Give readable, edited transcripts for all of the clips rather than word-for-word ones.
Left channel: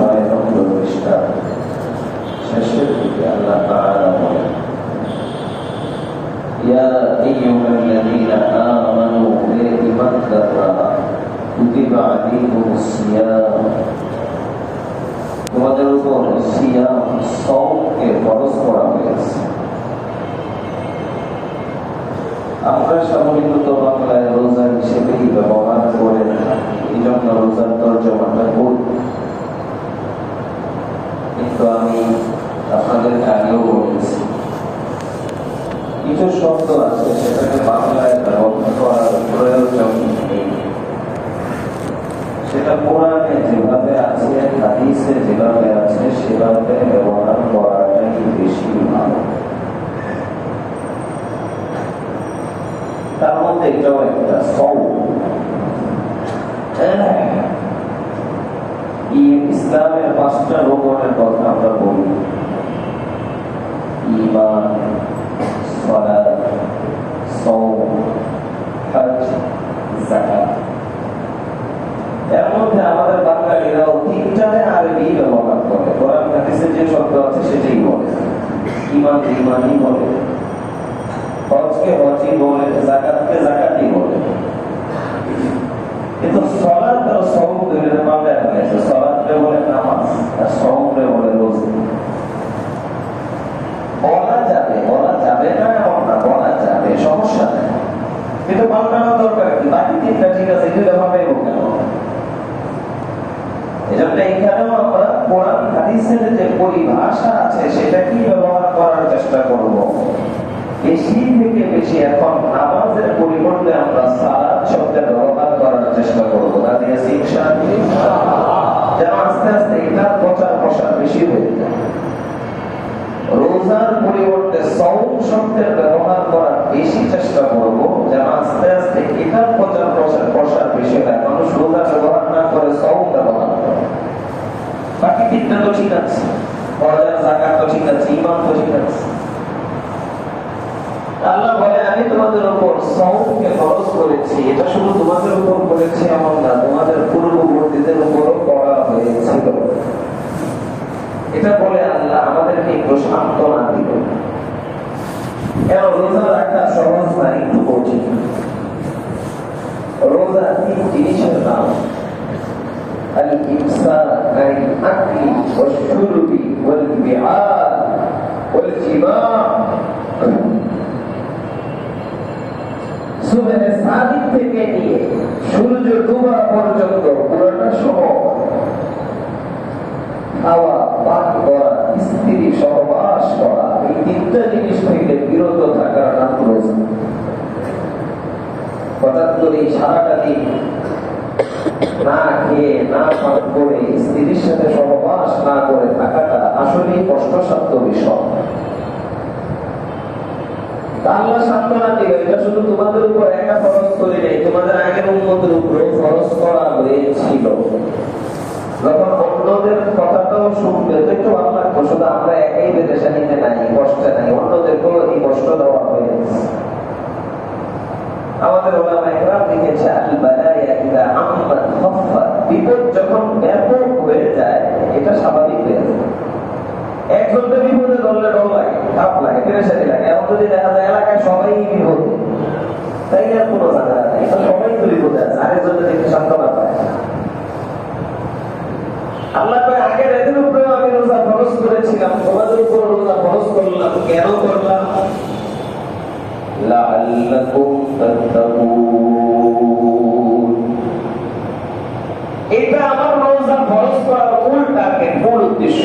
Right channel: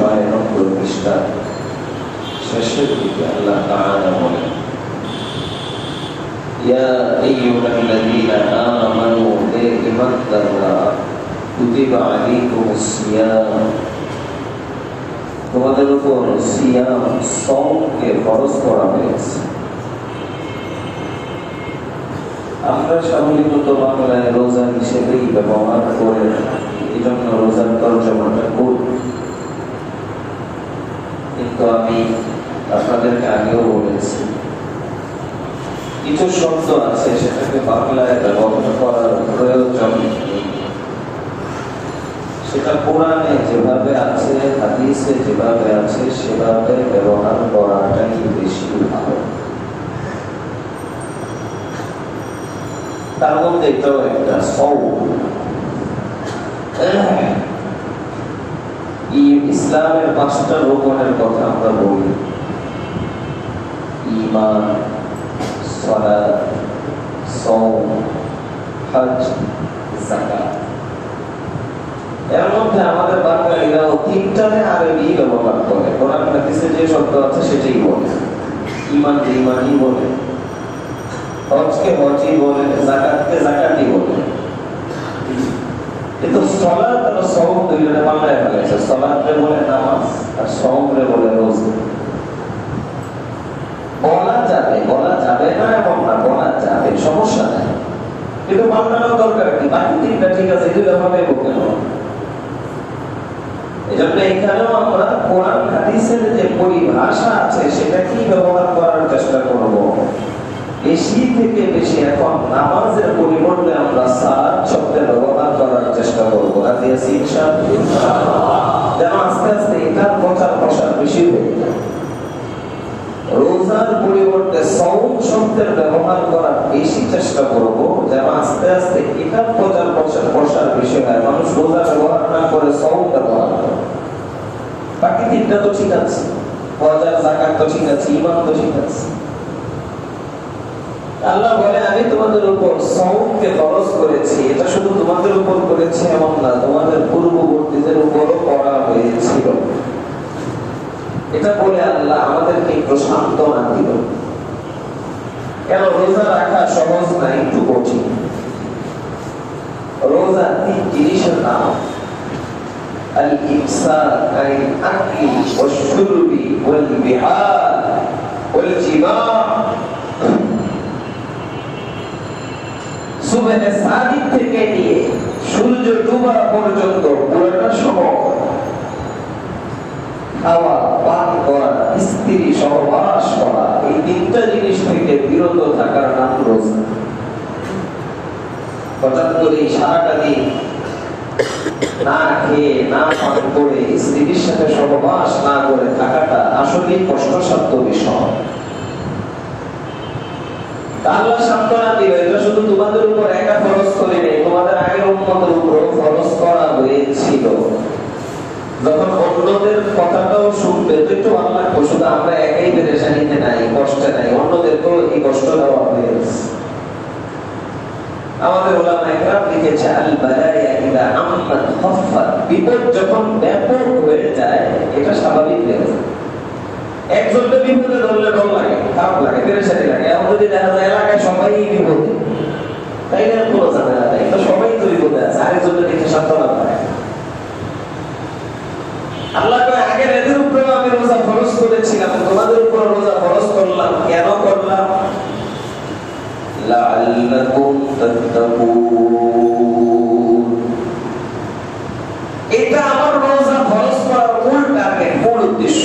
96 পৃষ্ঠা শেষের দিকে আল্লাহ তাআলা বলেন, ইয়া আইয়ুহাল্লাযীনা আমানু ইত্তাকুল্লাহ কুতিবা আলাইকুমুস সিয়াম, তোমাদের উপর সিয়াম সাওমকে ফরজ করা হয়েছে। আমরা সাধারণত বাংলায় রোজা হিসেবেই ব্যবহার করে থাকি, এই জন্য রোজার তর্জমাটা করি। কিন্তু আমি আপনাদেরকে আগেও বলেছি, কিছু শব্দ আছে সেটাকে বাংলায় ব্যবহার করার প্রয়োজন নেই। সেটা কোরআনে যেভাবে আছে, হাদিসে যেভাবে আছে সেভাবে ব্যবহার করাটাই বেশি ভালো। তার মধ্যে এটাও একটা ইসলামের 5টা রোকনের কথা আমরা বলি, ঈমান, সালাত, সাওম, হজ, যাকাত। এর মধ্যে আমাদের বাঙালিরাও 3টায় আরবি ব্যবহার করে। কোরআন হাদিসে যে শব্দ আছে সেটাই বলে। ঈমানকে ঈমানই বলে, হজকে হজই বলে, যাকাতকে যাকাতই বলে। কিন্তু সালাত আর সাওম দুইটা বাংলায় ফেলেছে। সালাতকে বলে নামাজ আর সাওমকে বলে রোজা। বলা যাবে না এমন না, বলা যাবে, সমস্যা নেই। কিন্তু বাংলাও দরকার কি? বাকি 3টা ঠিক আছে, এগুলো হবে কেন? এজন্য এখানেও আমরা কোরআন হাদিসের যে পরিভাষা আছে সেটাকেই ব্যবহার করার চেষ্টা করব। বেশি থেকে বেশি এখন নামাজের পরিবর্তে আমরা সালাত শব্দের ব্যবহার করার চেষ্টা করব। রাজি আছি ইনশাআল্লাহ? যেন আস্তে আস্তে এটার প্রচার প্রসার বেশি হয়ে যায়। রোজার পরিবর্তে সাওম শব্দের ব্যবহার করার বেশি চেষ্টা করব, যেন আস্তে আস্তে এটার প্রচার প্রসার বেশি হয়। মানুষ রোজা ব্যবহার না করে সাওম ব্যবহার করে। বাকি 3টা তো ঠিক আছে, হজ আর যাকাত তো ঠিক আছে, ঈমান তো ঠিক আছে। আল্লাহ বলে, আমি তোমাদের উপর সাওমকে ফরজ করেছি। এটা শুধু তোমাদের উপর করেছি এমন না, তোমাদের পূর্ববর্তীদের উপরও করা হয়েছিল। এটা বলে আল্লাহ আমাদেরকে একটু সান্ত্বনা দিল। কেন রোজা রাখা সহজ না, একটু কঠিন। রোজা 3 জিনিসের নাম, আল ইমসাক আনিল আকলি ওয়াশ শুরবি ওয়াল বিহার ওয়াল জিমা। সুবহে সাদিক থেকে নিয়ে সূর্য ডোবা পর্যন্ত পুরোটা সময় খাওয়া, পান করা, স্ত্রী সহবাস করা, এই 3টা জিনিস থেকে বিরত থাকার নাম রোজা। হঠাৎ করে সারাটা দিন না খেয়ে না পান করে স্ত্রীর সাথে সহবাস না করে থাকাটা আসলে কষ্টসাধ্য বিষয়। আল্লাহ সান্ত্বনা দিল, এটা শুধু তোমাদের উপর একা ফরজ করে নেই, তোমাদের আগের উম্মতের উপরও ফরজ করা হয়েছিল। যখন অন্যদের কথাটাও শুনবে তো একটু ভালো লাগতো। শুধু আমরা একাই পেরেশানিতে নাই, কষ্টে নাই, অন্যদেরকেও এই কষ্ট দেওয়া হয়েছে। আমাদের উলামায়ে কেরাম লিখেছে, আল বালায়া ইদা আম্মাত খাফফাত, বিপদ যখন ব্যাপক হয়ে যায় এটা স্বাভাবিক হয়ে যায়। একজনকে বিপদে ধরলে ডর লাগে, খারাপ লাগে, পেরেশানি লাগে। এখন যদি দেখা যায় এলাকায় সবাই বিপদে, তাইলে আর কোনো ঝামেলা নাই, তো সবাই তো বিপদে আছে, আরেকজনের দেখে সান্ত্বনা পায়। আল্লাহ কয়, আগের এদের উপরে আমি রোজা ফরজ করেছিলাম, তোমাদের উপর রোজা ফরজ করলাম। কেন করলাম? লাআল্লাকুম তাত্তাকুন। এটা আমার রোজা ফরজ করার মূল টার্গেট, মূল উদ্দেশ্য।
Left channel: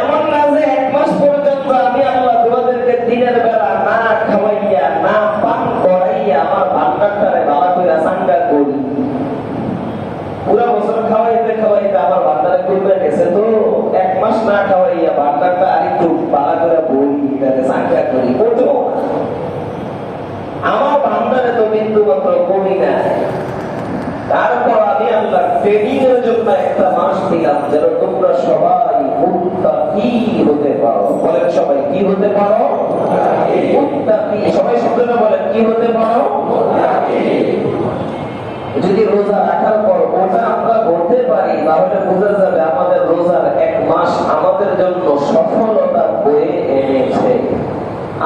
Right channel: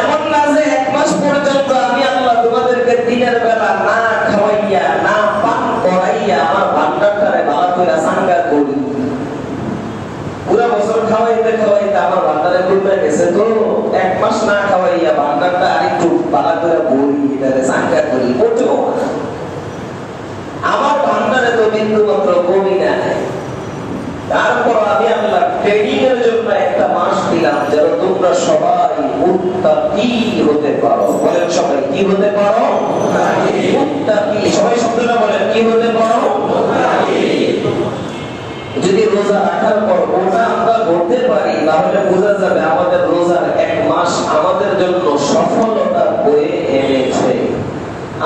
এমন না যে 1 মাস পর্যন্ত আমি আল্লাহ তোমাদেরকে দিনের বেলা না খাওয়াইয়া না পান করাইয়া আমার ভান্ডারটারে ভালো করে সাঙ্গা করি। পুরা বছর খাওয়াইতে খাওয়াইতে আমার ভান্ডারে করবে গেছে, তো 1 মাস না খাওয়াইয়া ভান্ডারটা আরেকটু ভালো করে ভরি, এটারে সাঙ্গা করি। মোটেও আমার ভান্ডারে তো বিন্দু মাত্র কমি নাই। তারপর আমি আল্লাহ ট্রেনিং এর জন্য একটা মাস দিলাম, যেন তোমরা সবাই মুত্তাকি হতে পারো। বলেন সবাই কি হতে পারো? মুত্তাকি। সবাই শব্দটা বলেন, কি হতে পারো? মুত্তাকি। যদি রোজা রাখার পর ওটা আমরা করতে পারি তাহলে বোঝা যাবে আমাদের রোজার এক মাস আমাদের জন্য সফলতা বয়ে এনেছে।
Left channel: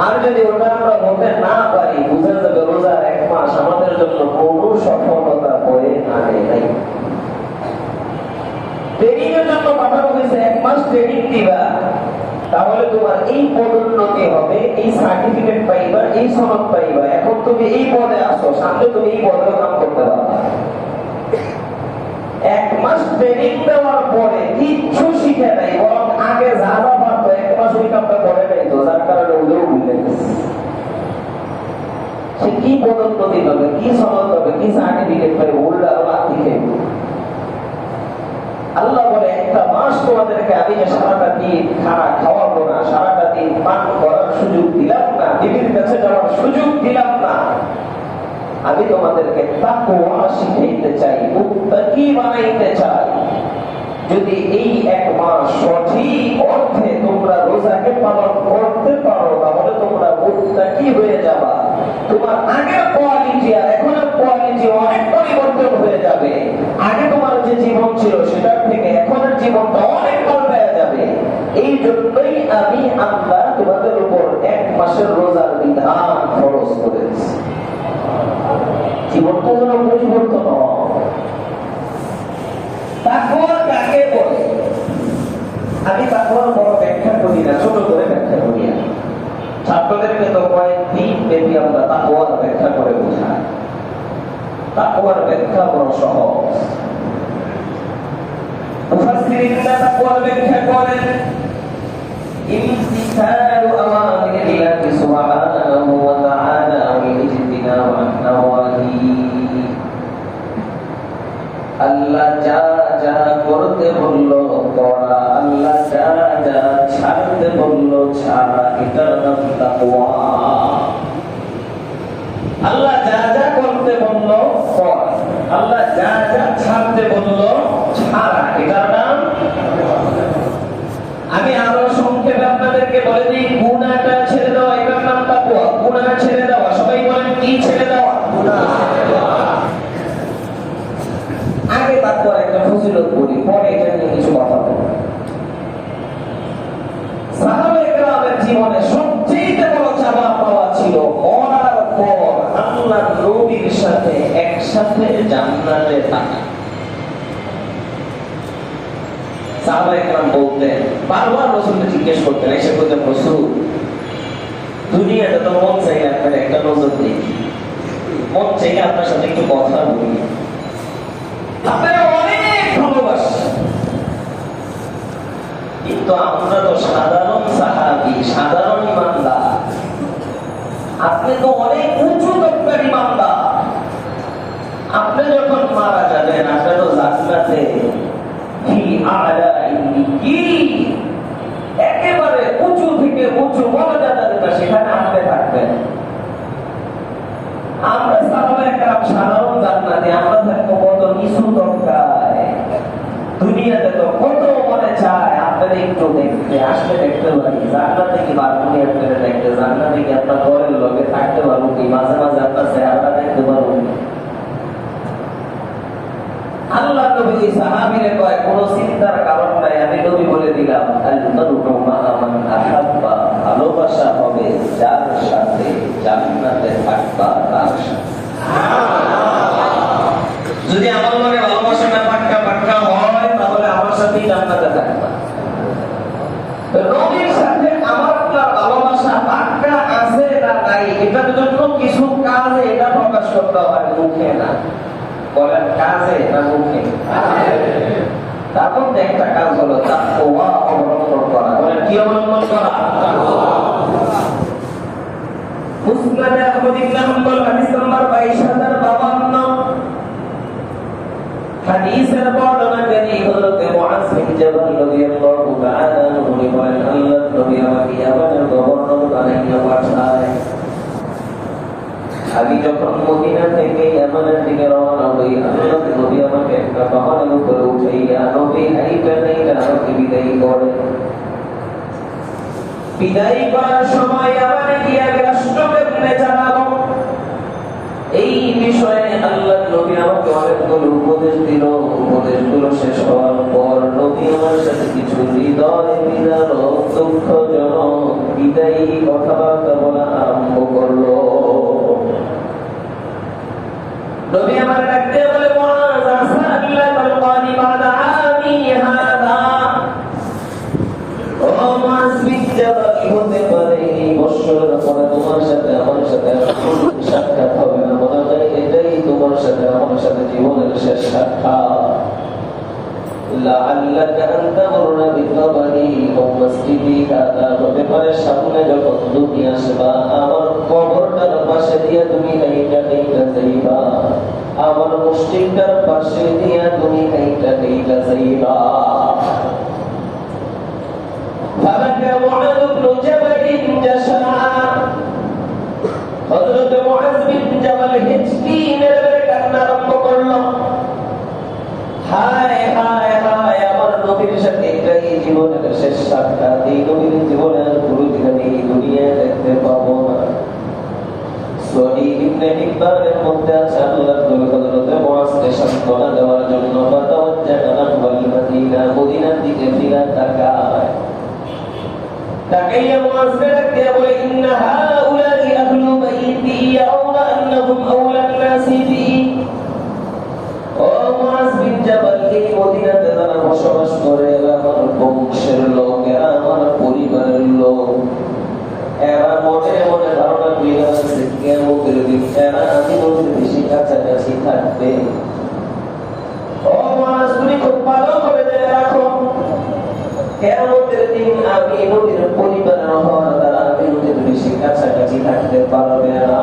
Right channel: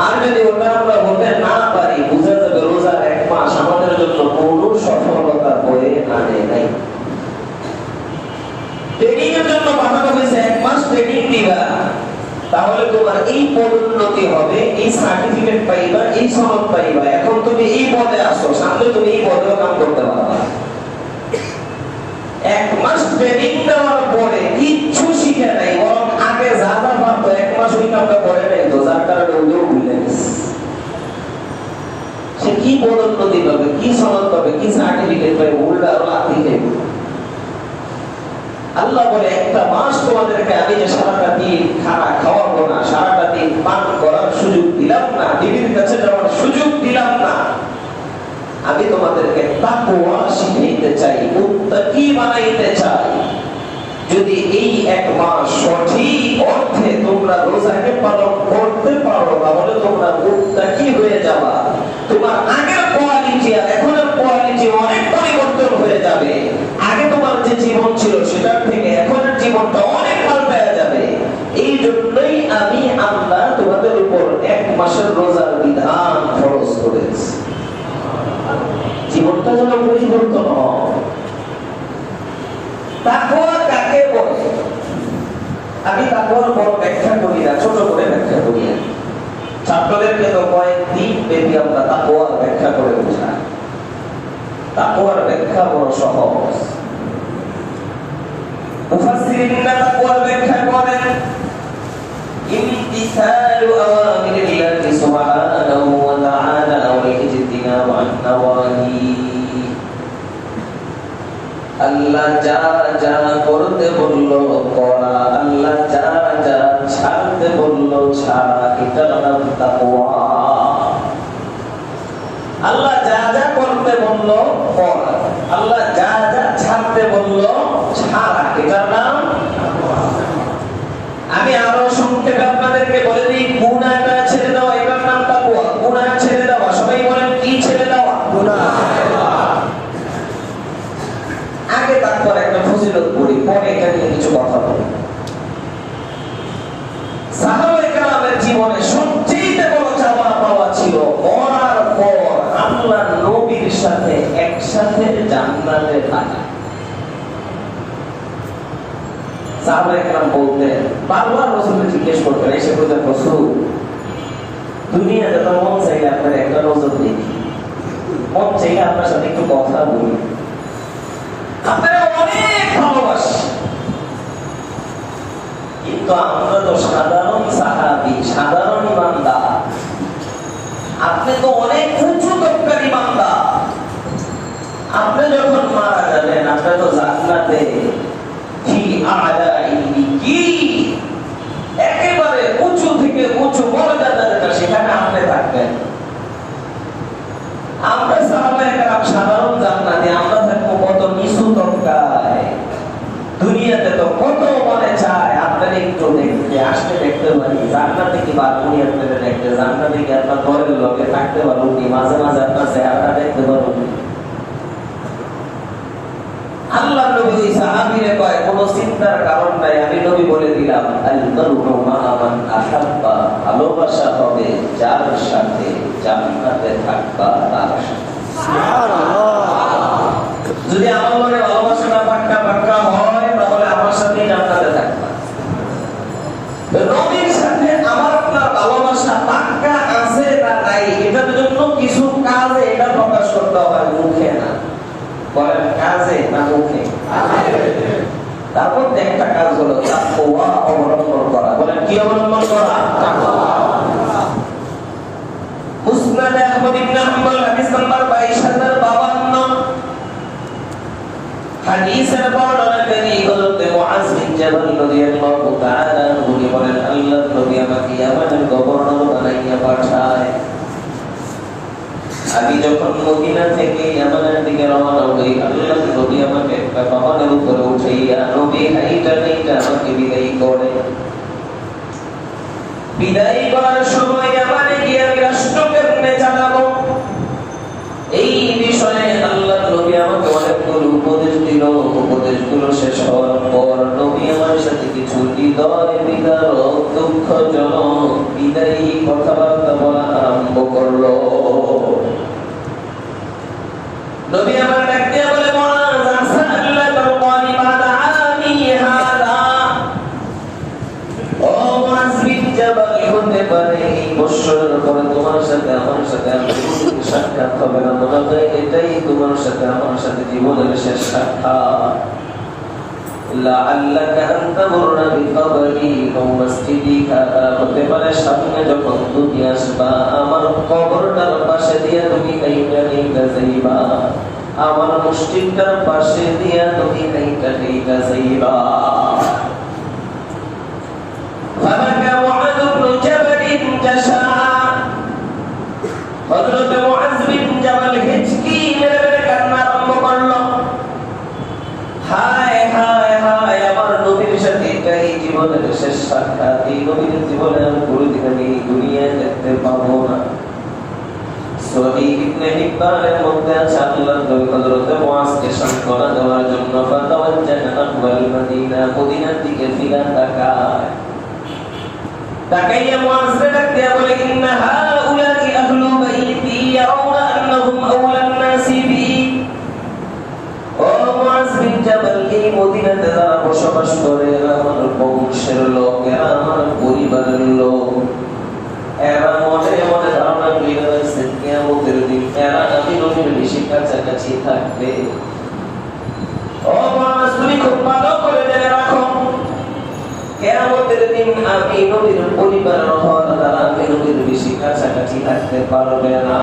আর যদি ওটা আমরা হতে না পারি বোঝা যাবে রোজার এক মাস আমাদের জন্য কোনো সফলতা বয়ে আনে নাই। ট্রেনিং এর জন্য পাঠানো হয়েছে, এক মাস ট্রেনিং দিবা, তাহলে তোমার এই পদোন্নতি হবে, এই সার্টিফিকেট পাইবা, এই সনদ পাইবা। এখন তুমি এই পদে আসো, সামনে তুমি এই পদেও কাম করতে পারবে। এক মাস ট্রেনিং দেওয়ার পরে কিচ্ছু শিখে নাই, বরং আগে যা যা পারতো এক মাস ওই কামটা করে নাই, তো যার কারণে ওগুলো ভুলে গেছে। সে কি পদোন্নতি পাবে, কি সনদ পাবে, কি সার্টিফিকেট পাবে, উল্টা আরো লাথি খাইবে। আল্লাহ বলে একটা মাস তোমাদেরকে আমি যে সারাটা দিন খানা খাওয়াবো না, সারাটা দিন পান করার সুযোগ দিলাম না, দিদির কাছে যাওয়ার সুযোগ দিলাম না, আমি তোমাদেরকে তাকওয়া শিখাইতে চাই, মুত্তাকি বানাইতে চাই। যদি এই এক মাস সঠিক অর্থে তোমরা রোজাকে পালন করতে পারো তাহলে তোমরা মুত্তাকি হয়ে যাবা। তোমার আগের কোয়ালিটি আর এখনের কোয়ালিটি অনেক পরিবর্তন হয়ে যাবে। আগে তোমার যে জীবন ছিল সেটার থেকে এখনের জীবনটা অনেক পাল্টায়া যাবে। এই জন্যই আমি আল্লাহ তোমাদের উপর এক মাসের রোজার বিধান ফরজ করেছি, জীবনটা যেন পরিবর্তন হয়। তাকওয়া কাকে বলে? আমি তাকওয়ার বড় ব্যাখ্যা করি না, ছোট করে ব্যাখ্যা করি। ছাত্রদেরকে তো কয়েকদিন ব্যাপী আমরা তাকওয়ার ব্যাখ্যা করে বোঝাই। তাকওয়ার ব্যাখ্যা বড় সহজ। মুফাসসিরিনরা তাকওয়ার ব্যাখ্যা করেন ইমতিসালু আওয়ামিরিল্লাহি সুবহানাহু ওয়া তাআলা ওয়া ইজতিনাবু আন নাওয়াহি। আল্লাহ যা যা করতে বললো করা, আল্লাহ যা যা ছাড়তে বললো ছাড়া, এটার নাম তাকওয়া। আল্লাহ যা যা করতে বললো করা, আল্লাহ যা যা ছাড়তে বললো ছাড়া, এটার নাম তাকওয়া। আমি আরো সংক্ষেপে আপনাদেরকে বলে দিই, গুনাহটা ছেড়ে দেওয়া এটার নাম তাকওয়া। গুনাহ ছেড়ে দেওয়া, সবাই বলেন কি ছেড়ে দেওয়া? গুনাহ ছেড়ে দেওয়া। আগে তাকওয়ার একটা ফজিলত বলি, পরে এটা নিয়ে কিছু কথা বলি। সাহাবায়ে কেরামের জীবনে সবচেয়ে বড় চাওয়া পাওয়া ছিল মরার পর আল্লাহর নবীর সাথে একসাথে জান্নাতে থাকা। সাহাবায়ে কেরাম বলতেন, বারবার রাসূলকে জিজ্ঞেস করতেন, এসে বলতেন রাসূল দুনিয়াতে তো মন চাইলে আপনার একটা নজর দেখি, মন চাইলে আপনার সাথে একটু কথা বলি, আপনারা অনেক ভালোবাসি, কিন্তু আমরা তো সাধারণ সাহাবী, সাধারণ ইমানদার, আপনি তো অনেক উঁচু তবকার ইমানদার। আপনি যখন মারা যাবেন আপনি তো জান্নাতে ফি আ'লা ইল্লিয়িন, একেবারে উঁচু থেকে উঁচু মর্যাদার কাছে সেখানে আপনি থাকবেন। আমরা সাহাবায়ে কেরাম সাধারণ জান্নাতে, আমরা থাকবো কত নিচু তবকায়। দুনিয়াতে তো কত মনে চায় আপনারা একটু দেখতে আসলে দেখতে পারি, জান্নাতে কি বালুনি আপনারা দেখতে, জান্নাতে কি আপনার ঘরের লোকে থাকতে পারবো, মাঝে মাঝে আপনার চেহারা দেখতে পারবো। আল্লাহ নবী ওই সাহাবীরে কয় কোনো চিন্তার কারণ নাই, আমি নবী বলে দিলাম আল-মারউ মা'a মান আহাব্বা, ভালোবাসা হবে যার সাথে জান্নাতে থাকবা তার সাথে। যদি আমার মনে ভালোবাসাটা পাক্কা পাক্কা হয় তাহলে আমার সাথে জান্নাতে থাকবা। নবীর সাথে আমার আপনার ভালোবাসা পাক্কা আছে না নাই, এটার জন্য কিছু কাজে এটা প্রকাশ করতে হয়, মুখে না। বলেন কাজে না মুখে? তারপর একটা কাজ হলো তাকওয়া অবলম্বন করা। বলেন কি অবলম্বন করা? তাকওয়া। মুসনাদ আহমদ ইবনে হাম্বল হাদিস নাম্বার 22052, হাদিসের বর্ণনাকারী হযরত মুআজ বিন জাবাল রাদিয়াল্লাহু তাআলা আনহু বলেন, আল্লাহর নবী আমাকে ইয়ামানের গভর্নর বানাইয়া পাঠায়। আমি যখন মদিনা থেকে ইয়ামানের দিকে রওনা হই, আল্লাহর নবী আমাকে একটা পাহাড়ের উপরে উঠাইয়া নবী হাইটা হাইটা আমাকে বিদায় করে। বিদায় করার সময় ইয়ামানে গিয়ে রাষ্ট্র কেমনে চালাবো এই বিষয়ে আল্লাহর নবী আমাকে অনেকগুলো উপদেশ দিল। উপদেশ এগুলো শেষ হওয়ার পর নবী আমার সাথে কিছু হৃদয় বিদারক দুঃখজনক বিদায়ী কথাবার্তা বলা আরম্ভ করলো। নবী আমার ডাক দিয়ে বলে, মুআজ আসাল্লাহ তারকানি বাদা আমি হাদা। ও মুআজ বিন জাবাল, হতে পারে এই বছরের পরে তোমার সাথে আমার সাথে সাক্ষাৎ হবে না, মনে হয় এটাই তোমার সাথে আমার সাথে জীবনের শেষ সাক্ষাৎ। লাআল্লাকা আন তামুররা বিকবরি ওয়া মসজিদি হাদা, হতে পারে সামনে যখন তুমি আসবা আমার কবরটার পাশে দিয়ে তুমি কাইটা কাইটা যাইবা, আমার মসজিদটার পাশে দিয়ে তুমি কাইটা কাইটা যাইবা। ফাবাকা মুআয ইবনে জাবাল জাশা, হযরত মুআয বিন জাবাল হিচকি মেরে কান্না আরম্ভ করলো। হায় হায় হায়, আমার নবীর সাথে এটাই জীবনের শেষ সাক্ষাৎ, এই নবীর জীবনে আমি কোনোদিন এই দুনিয়ায় দেখতে পাবো না। সহিহ ইবনে হিব্বানের মধ্যে আছে আল্লাহর নবী হযরত মুআযকে সান্ত্বনা দেওয়ার জন্য ফাতাওয়াজ্জাহা নাহওয়াল মদিনা, মদিনার দিকে ফিরে তাকায়। তাকাইয়া মুআযকে ডাক দিয়ে বলে, ইন্না হাউলাই আহলু বাইতি ইয়ারাউনা আন্নাহুম আওলান নাসি বি। ও মুআয বিন জাবাল, এই মদিনাতে যারা বসবাস করে এরা আমার বংশের লোক, এরা আমার পরিবারের লোক, এরা মনে মনে ধারণা করে আছে কিয়ামতের দিন এরা আমি নবীর বেশি কাছাকাছি থাকবে। ও মুআয, তুমি খুব ভালো করে জেনে রাখো, কিয়ামতের দিন আমি নবীর পরিবারের হওয়ার দ্বারা আমি নবীর বেশি কাছাকাছি থাকতে পারবে না,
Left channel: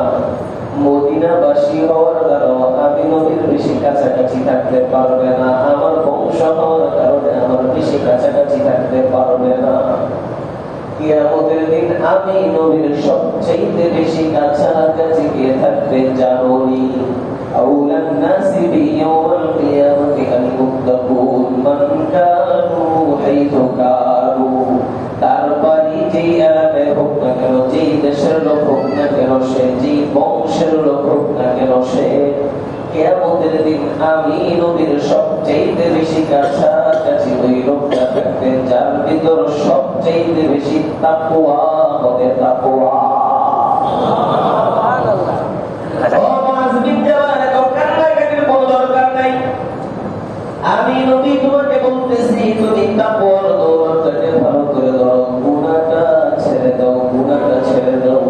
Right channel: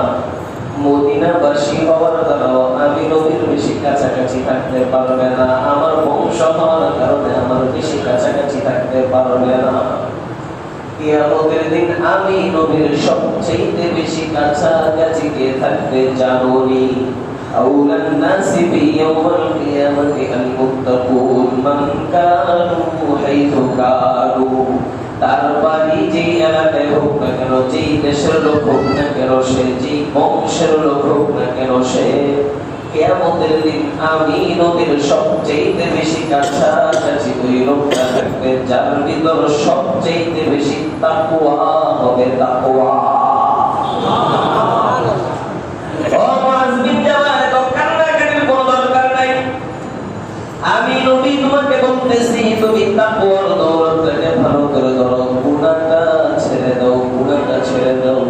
মদিনাবাসী হওয়ার দ্বারাও আমি নবীর বেশি কাছাকাছি থাকতে পারবে না, আমার বংশ হওয়ার কারণে আমার বেশি কাছাকাছি থাকতে পারবে না। কিয়ামতের দিন আমি নবীর সবচেয়ে বেশি কাছাকাছি কে থাকবে জানোনি? আউলান নাসি বি ইয়াউমাল কিয়ামাতি আল মুত্তাকুন মান কানু হাইথু কানু। তার বাড়ি যে এলাকায় হোক না কেন, যেই দেশের লোক হোক না কেন, সে যেই বংশের লোক হোক না কেন, সে কিয়ামতের দিন আমি নবীর সবচেয়ে বেশি কাছাকাছি ওই লোকটা থাকবে যার ভিতর সবচেয়ে বেশি তাকওয়া হবে, তাকওয়া। আমি নবী তোমাকে বলতেছি, তুমি তাকওয়ার দৌলতটাকে ভালো করে ধরো, গুনাহটা ছেড়ে দাও, গুনাহটা ছেড়ে দাও।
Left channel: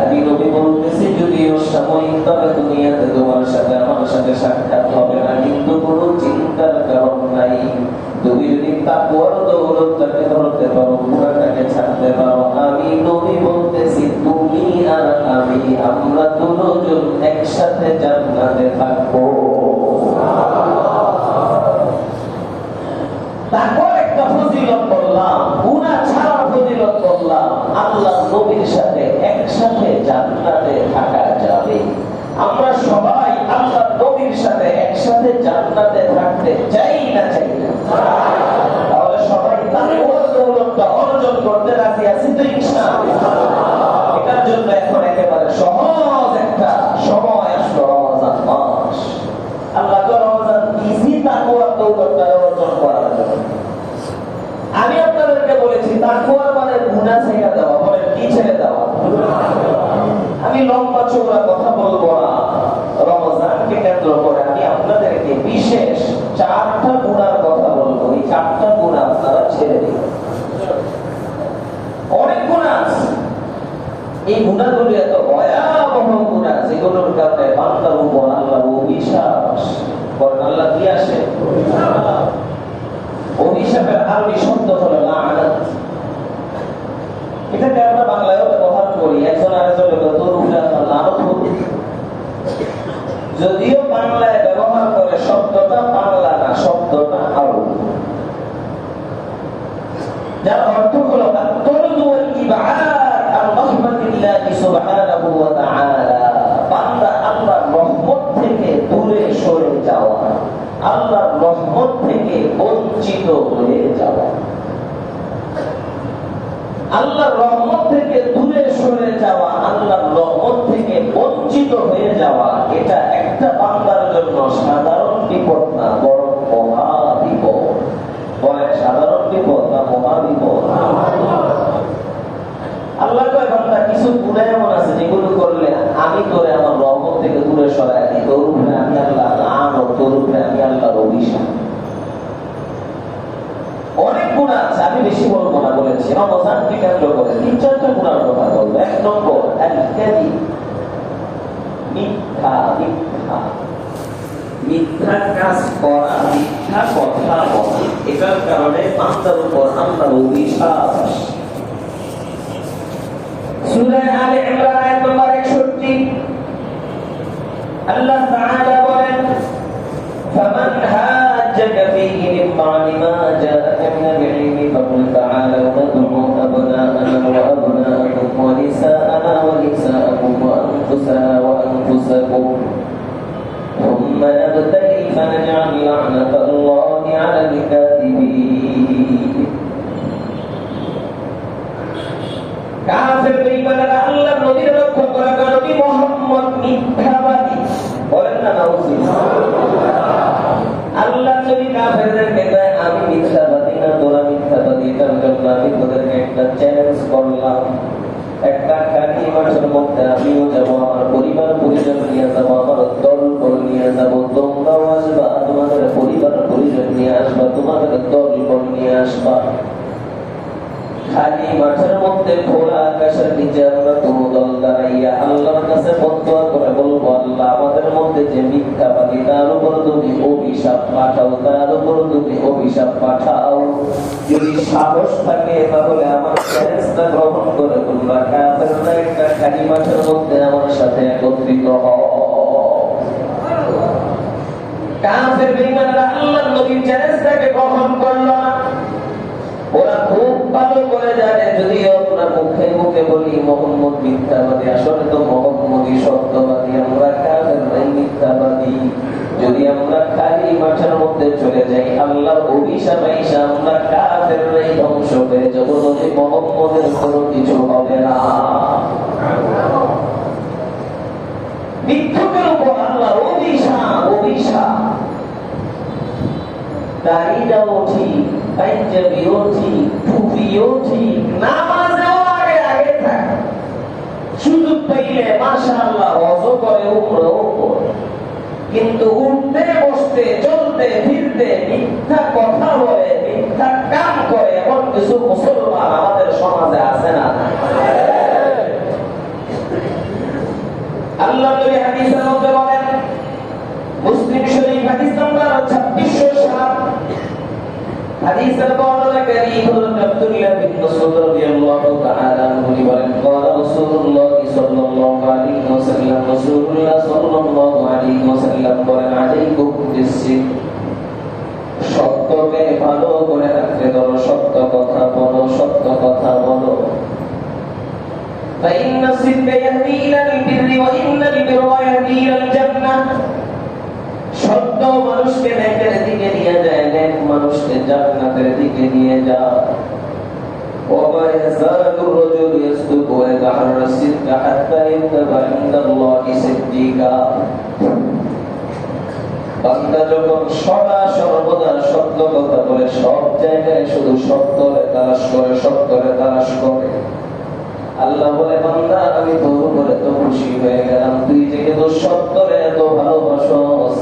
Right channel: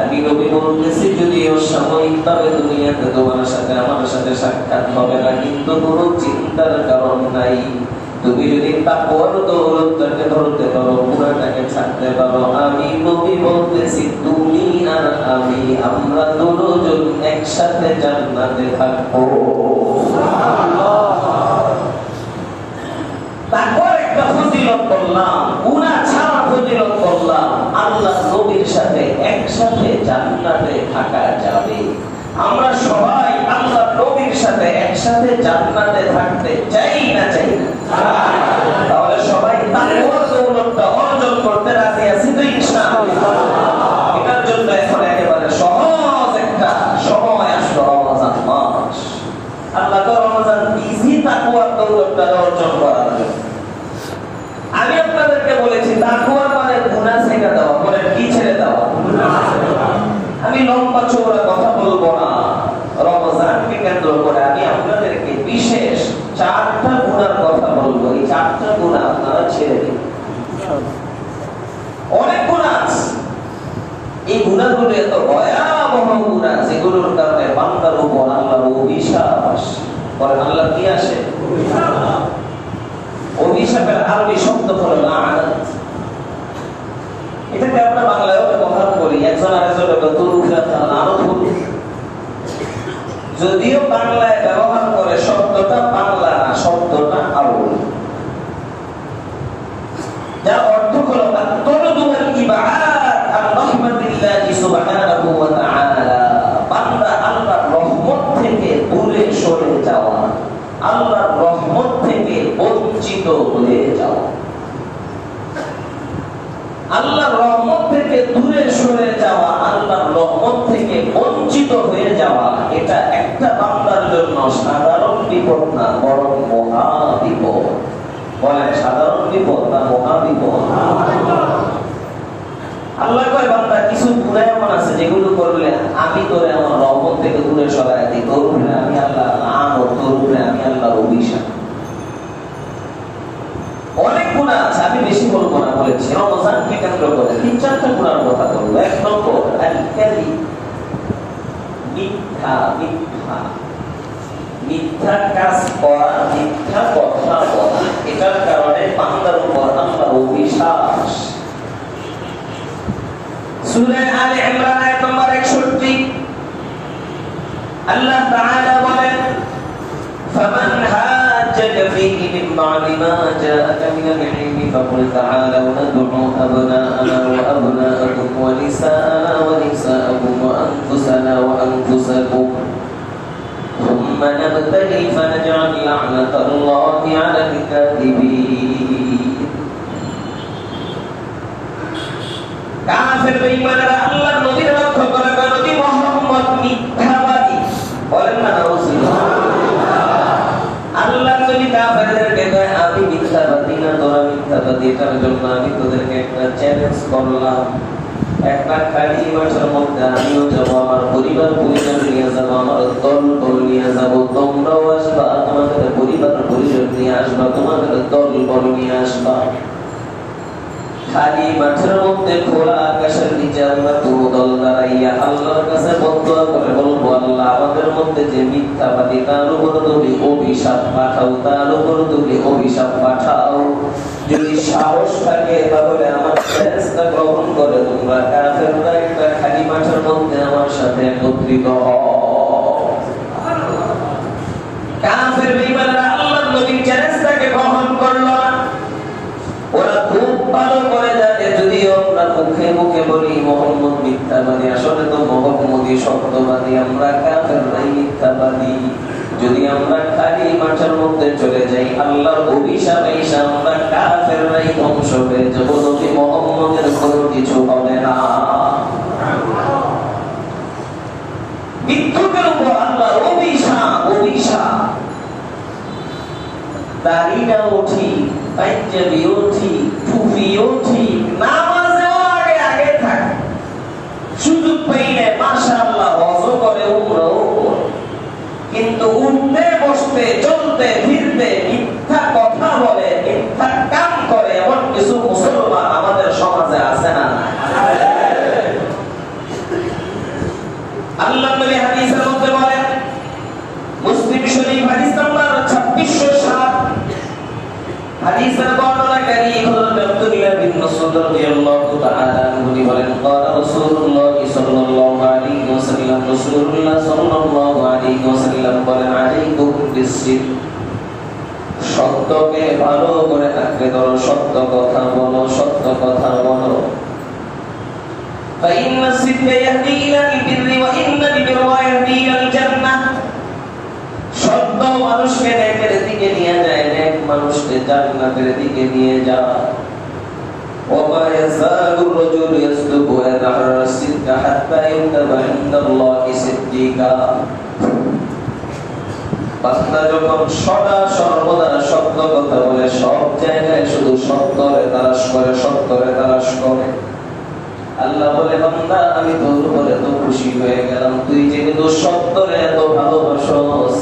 আমি নবী বলতেছি, যদিও সাময়িকভাবে দুনিয়াতে তোমার সাথে আমার সাথে সাক্ষাৎ হবে না, কিন্তু কোনো চিন্তার কারণ নাই। তুমি যদি তাকওয়ার দৌলতটাকে ধরতে পারো, গুনাহটাকে ছাড়তে পারো, আমি নবী বলতেছি তুমি আর আমি, আমরা দুজন একসাথে জান্নাতে থাকবো। তারপর একটা ফজিলত বললাম, গুনাহ ছাড়া ফজিলত বললাম, আল্লাহ নবীর সাথে একসাথে জান্নাতে থাকা যাবে। আমরা সবাই আল্লাহ নবীর সাথে একসাথে জান্নাতে থাকতে চাই না, চাই না? তাহলে সবাই তাকওয়ার দৌলতটা অর্জন করতে রাজি আছি তো ইনশাআল্লাহ? এটার জন্য এখন একেবারে সহজ একটা সময় আসলো, রমজান মাস। আল্লাহ তো রমজান দিয়েছি তাকওয়ার দৌলতটা অর্জন করার জন্য। আমি আপনাদেরকে বলেছি তাকওয়ার মানে গুনাহ ছেড়ে দেওয়া, বলেন কি ছেড়ে দেওয়া? আমি লম্বা চৌড়া কথা বলবো না, রমজানকে কেন্দ্র করে আমি আপনাদেরকে বিশেষ 4টা গুনার কথা বলবো। এই 4টা গুনাহ আপনারা ছেড়ে দিন। অনেক গুনাহ আছে, এই গুনাহগুলো এত ভয়াবহ গুনাহ যেগুলোর কারণে বান্দার উপর আল্লাহর অভিশাপ আসে। বলেন আল্লাহ কি আসে? অভিশাপের আরবি শব্দ হলো লাআনাত। এটাকে আমরা বাংলায় ব্যবহার করি, একজন আরেকজনের তোর উপরে লানত হলো। যদিও বাংলায় ব্যবহার করে শব্দটা বাংলা না, শব্দটা আরবি, যার অর্থ হলো আত-তারদু ওয়াল ইবআদ আন রাহমাতিল্লাহি সুবহানাহু ওয়া তাআলা। বান্দা আল্লাহর রহমত থেকে দূরে সরে যাওয়া, আল্লাহর রহমত থেকে বঞ্চিত হয়ে যাওয়া। আল্লাহর রহমত থেকে দূরে সরে যাওয়া, আল্লাহর রহমত থেকে বঞ্চিত হয়ে যাওয়া, এটা একটা বান্দার জন্য সাধারণ বিপদ না, বরং মহা টুকরার কথা বলবো। এক নম্বর আল-কাযিব, মিথ্যা। মিথ্যা মিথ্যা কাজ করা, মিথ্যা কথা বলা, এটার কারণে বান্দার উপর আল্লাহর অভিশাপ। সূরা আলে ইমরান আয়াত নম্বর 61 আল্লাহ তাআলা বলেন, ফামান হাজ্জাকা ফীহি মিন বা'দি মা জাআকা মিনাল ইলমি ফাকুল তাআলাউ নাদ'উ আবনা'ানা ওয়া আবনা'াকুম ওয়া নিসা'ানা ওয়া নিসা'াকুম ওয়া আনফুসানা ওয়া আনফুসাকুম ثم نبتهل فنجعل لعنة الله على الكاذبين। কাফের বেঈমানরা আল্লাহর নবীর লক্ষ্য করে কয়, নবী মুহাম্মদ মিথ্যাবাদী। বলেন না নাউজুবিল্লাহ। আল্লাহর নবী কাফেরদেরকে কয়, আমি মিথ্যাবাদী না, তোরা মিথ্যাবাদী। এটার জন্য আমি তোদেরকে একটা চ্যালেঞ্জ করলাম। একটা খালি মাঠের মধ্যে আমিও যাবো, আমার পরিবার নিয়ে যাবো, আমার দল নিয়ে যাবো, তোমরাও আসবা, তোমাদের পরিবার পরিজন নিয়ে আসবা, তোমাদের দল নিয়ে আসবা। খালি মাঠের মধ্যে খোলা আকাশের নিচে আমরা পুরো দল দাঁড়াইয়া আল্লাহর কাছে বদদোয়া করে বলবো, আল্লাহ আমাদের মধ্যে যে মিথ্যাবাদী তার উপর তুমি অভিশাপ পাঠাও, তার উপর তুমি অভিশাপ পাঠাও। যদি সাহস থাকে তাহলে আমার চ্যালেঞ্জটা গ্রহণ করে তোমরা কাফেররা একটা খালি মাঠের মধ্যে আমার সাথে একত্রিত হও। কাফের বেঈমানরা আল্লাহর নবীর চ্যালেঞ্জটাকে গ্রহণ করল। ওরা খুব ভালো করে জানে, যদি আমরা মুখে মুখে বলি মুহাম্মদ মিথ্যাবাদী, আসলে তো মুহাম্মদই সত্যবাদী, আমরা কাফেররাই মিথ্যাবাদী। যদি আমরা খালি মাঠের মধ্যে চলে যাই, আল্লাহর অভিশাপ এসে আমরা কাফেররাই ধ্বংস হয়ে যাব, নবী মুহাম্মদের কোনো কিছু হবে না। মিথ্যুকের উপর আল্লাহর অভিশাপ। দাড়িটাও ঠিক, পাঞ্জাবিও ঠিক, টুপিও ঠিক, নামাজেও আগে থাকে, সুযোগ পাইলে মাশাআল্লাহ ওয়াজও করে, উমরাও করে, কিন্তু উঠতে বসতে চলতে ফিরতে মিথ্যা কথা বলে, মিথ্যা কাম করে, এমন কিছু মুসলমান আমাদের সমাজে আছে না? আল্লাহ নবী হাদিসের মধ্যে বলেন, মুসলিম শরীফ হাদিস নাম্বার 2607, হাদিসের বর্ণনাকারী হলেন আব্দুল্লাহ বিন মাসউদ রাদিয়াল্লাহু তাআলা আনহু বলেন, ক্বালা রাসূলুল্লাহ সাল্লাল্লাহু আলাইহি ওয়াসাল্লাম, রাসূলুল্লাহ সাল্লাল্লাহু আলাইহি ওয়াসাল্লাম বলেন, আলাইকুম বিসসিদক, সত্যকে ভালো করে আঁকড়ে ধরো, সত্য কথা বলো, সত্য কথা বলো। فإن الصدق يهدي إلى البر وإن البر يهدي إلى الجنة। সত্য মানুষকে নেকের দিকে নিয়ে যায়, নেক মানুষকে জান্নাতের দিকে নিয়ে যায়। وما يزال الرجل يصدق ويتحرى الصدق حتى يكتب عند الله صديقا। বান্দা যখন সদা সর্বদা সত্য কথা বলে, সব জায়গায় শুধু সত্যরে তালাশ করে, সত্যরে তালাশ করে, আল্লাহ বলে, বান্দা আমি তোর উপরে এত খুশি হয়ে গেলাম, তুই যেহেতু সত্যরে এত ভালোবাসস,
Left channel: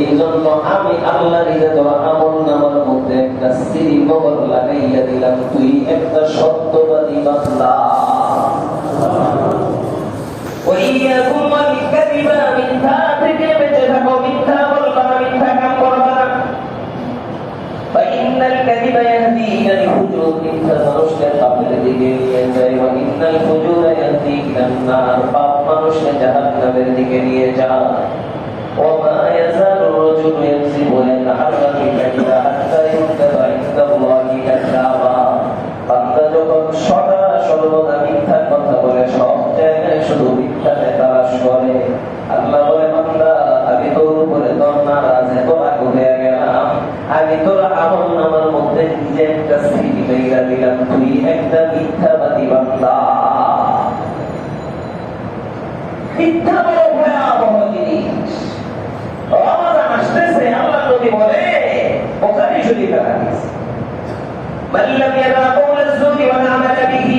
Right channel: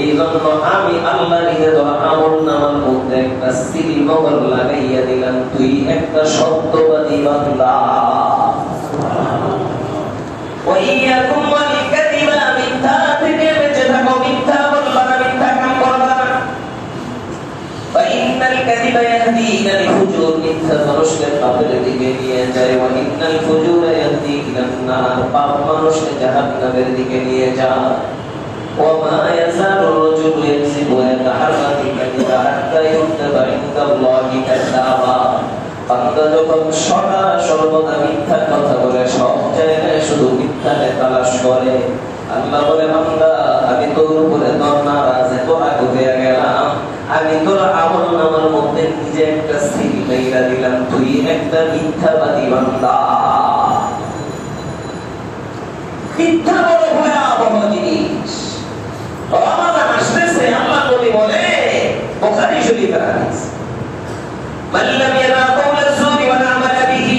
এই জন্য আমি আল্লাহ নিজে তোর আমলনামার মধ্যে একটা সিল মোহর লাগাইয়া দিলাম, তুই একটা সত্যবাদী বান্দা। ওয়াইয়াকুম ওয়াল কাযিবা, মিথ্যা থেকে বেঁচে থাকো, মিথ্যা বলবা না, মিথ্যা কাম করবা না। ফাইন্নাল কাযিবা ইয়াহদি ইলাল ফুজুর, মিথ্যা মানুষকে পাপের দিকে নিয়ে যায়। ওয়া ইন্নাল ফুজুরা ইয়াহদি ইলান নার, পাপ মানুষকে জাহান্নামের দিকে নিয়ে যায়। وما يزال الرجل يكذب ويتحرى بالكذب حتى يكتب عند الله كذابا। বান্দা যখন সদা সর্বদা মিথ্যা কথা বলে, সব জায়গায় শুধু মিথ্যাকে তালাশ করে, আল্লাহ বলে, বান্দা আমি তোর উপরে তোর নারাজে তোরা হয়ে গেলাম, আমি তোর আমলনামার মধ্যে নিজে একটা সিল লাগাইয়া দিলাম, তুই একটা মিথ্যাবাদী বান্দা। মিথ্যা বড় ভয়াবহ জিনিস। রমাদান আসতেছে, আল্লাহ নবী বলে, বুখারী শরীফের হাদিস, মান লাম ইয়াদা কাওলা আয-যুরি ওয়া আমালা বিহি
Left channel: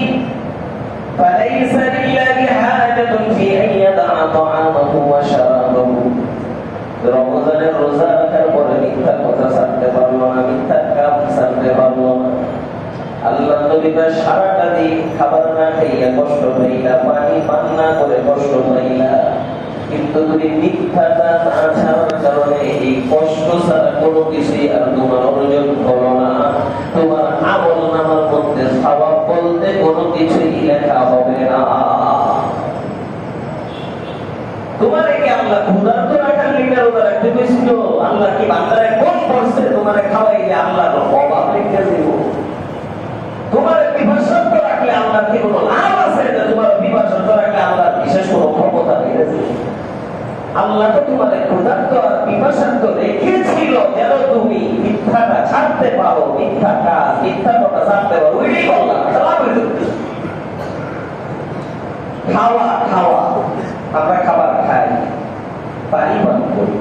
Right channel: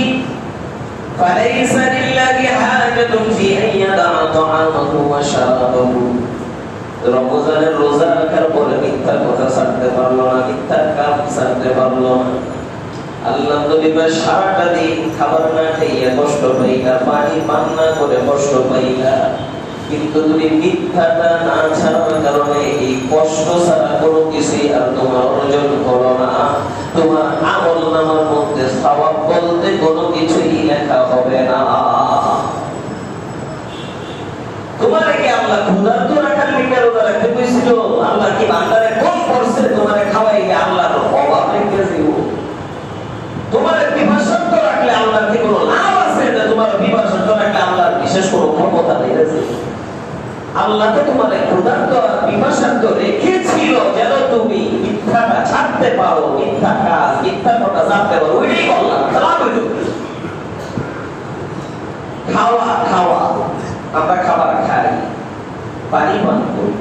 ফালাইসা লিল্লাহি হাজাতুন ফি আন ইয়াদা তা'আমাহু ওয়া শারাবাহু। রমজানের রোজা রাখার পরে মিথ্যা কথা ছাড়তে পারলো না, মিথ্যা কাজ ছাড়তে পারলো না, আল্লাহ দিবা সারাটা দিন খাবার না খাইয়া কষ্ট পাইলা, পানি পান না করে কষ্ট পাইলা, কিন্তু তুমি মিথ্যাটা না ছাড়ার কারণে এই কষ্ট ছাড়া কোনো কিছুই আর তোমার অর্জন হলো না। তোমার আমল নামার মধ্যে সওয়াব বলতে কোনো কিছুই লেখা হবে না। তোমার কি আল্লাহ ক্ষুধার্ত রাখার লিখে রাখতে পেরেছিল? আল্লাহ কি বান্দারে কোন করছে তোমারে খাওয়াইলে আল্লাহর অভাব রেখে দিব? তোমার বিভাষান্ত রাখলে আল্লাহর কি কোনো লাভ আছে? না তোমার বিভাষান্ত রাখলে আল্লাহর বিশেষ কোনো ক্ষমতা নেই। আল্লাহ তো তোমার ক্ষুধার্ত আর বিভাষান্ত রেখেছিল যেন তুমি মিথ্যাটা ছাড়তে পারো, মিথ্যা কাজ মিথ্যা কথা ছাড়তে পারো। ওইটাই বললাম খাওয়া খাওয়া, আমরা খাবার খাই, পানি পান করি,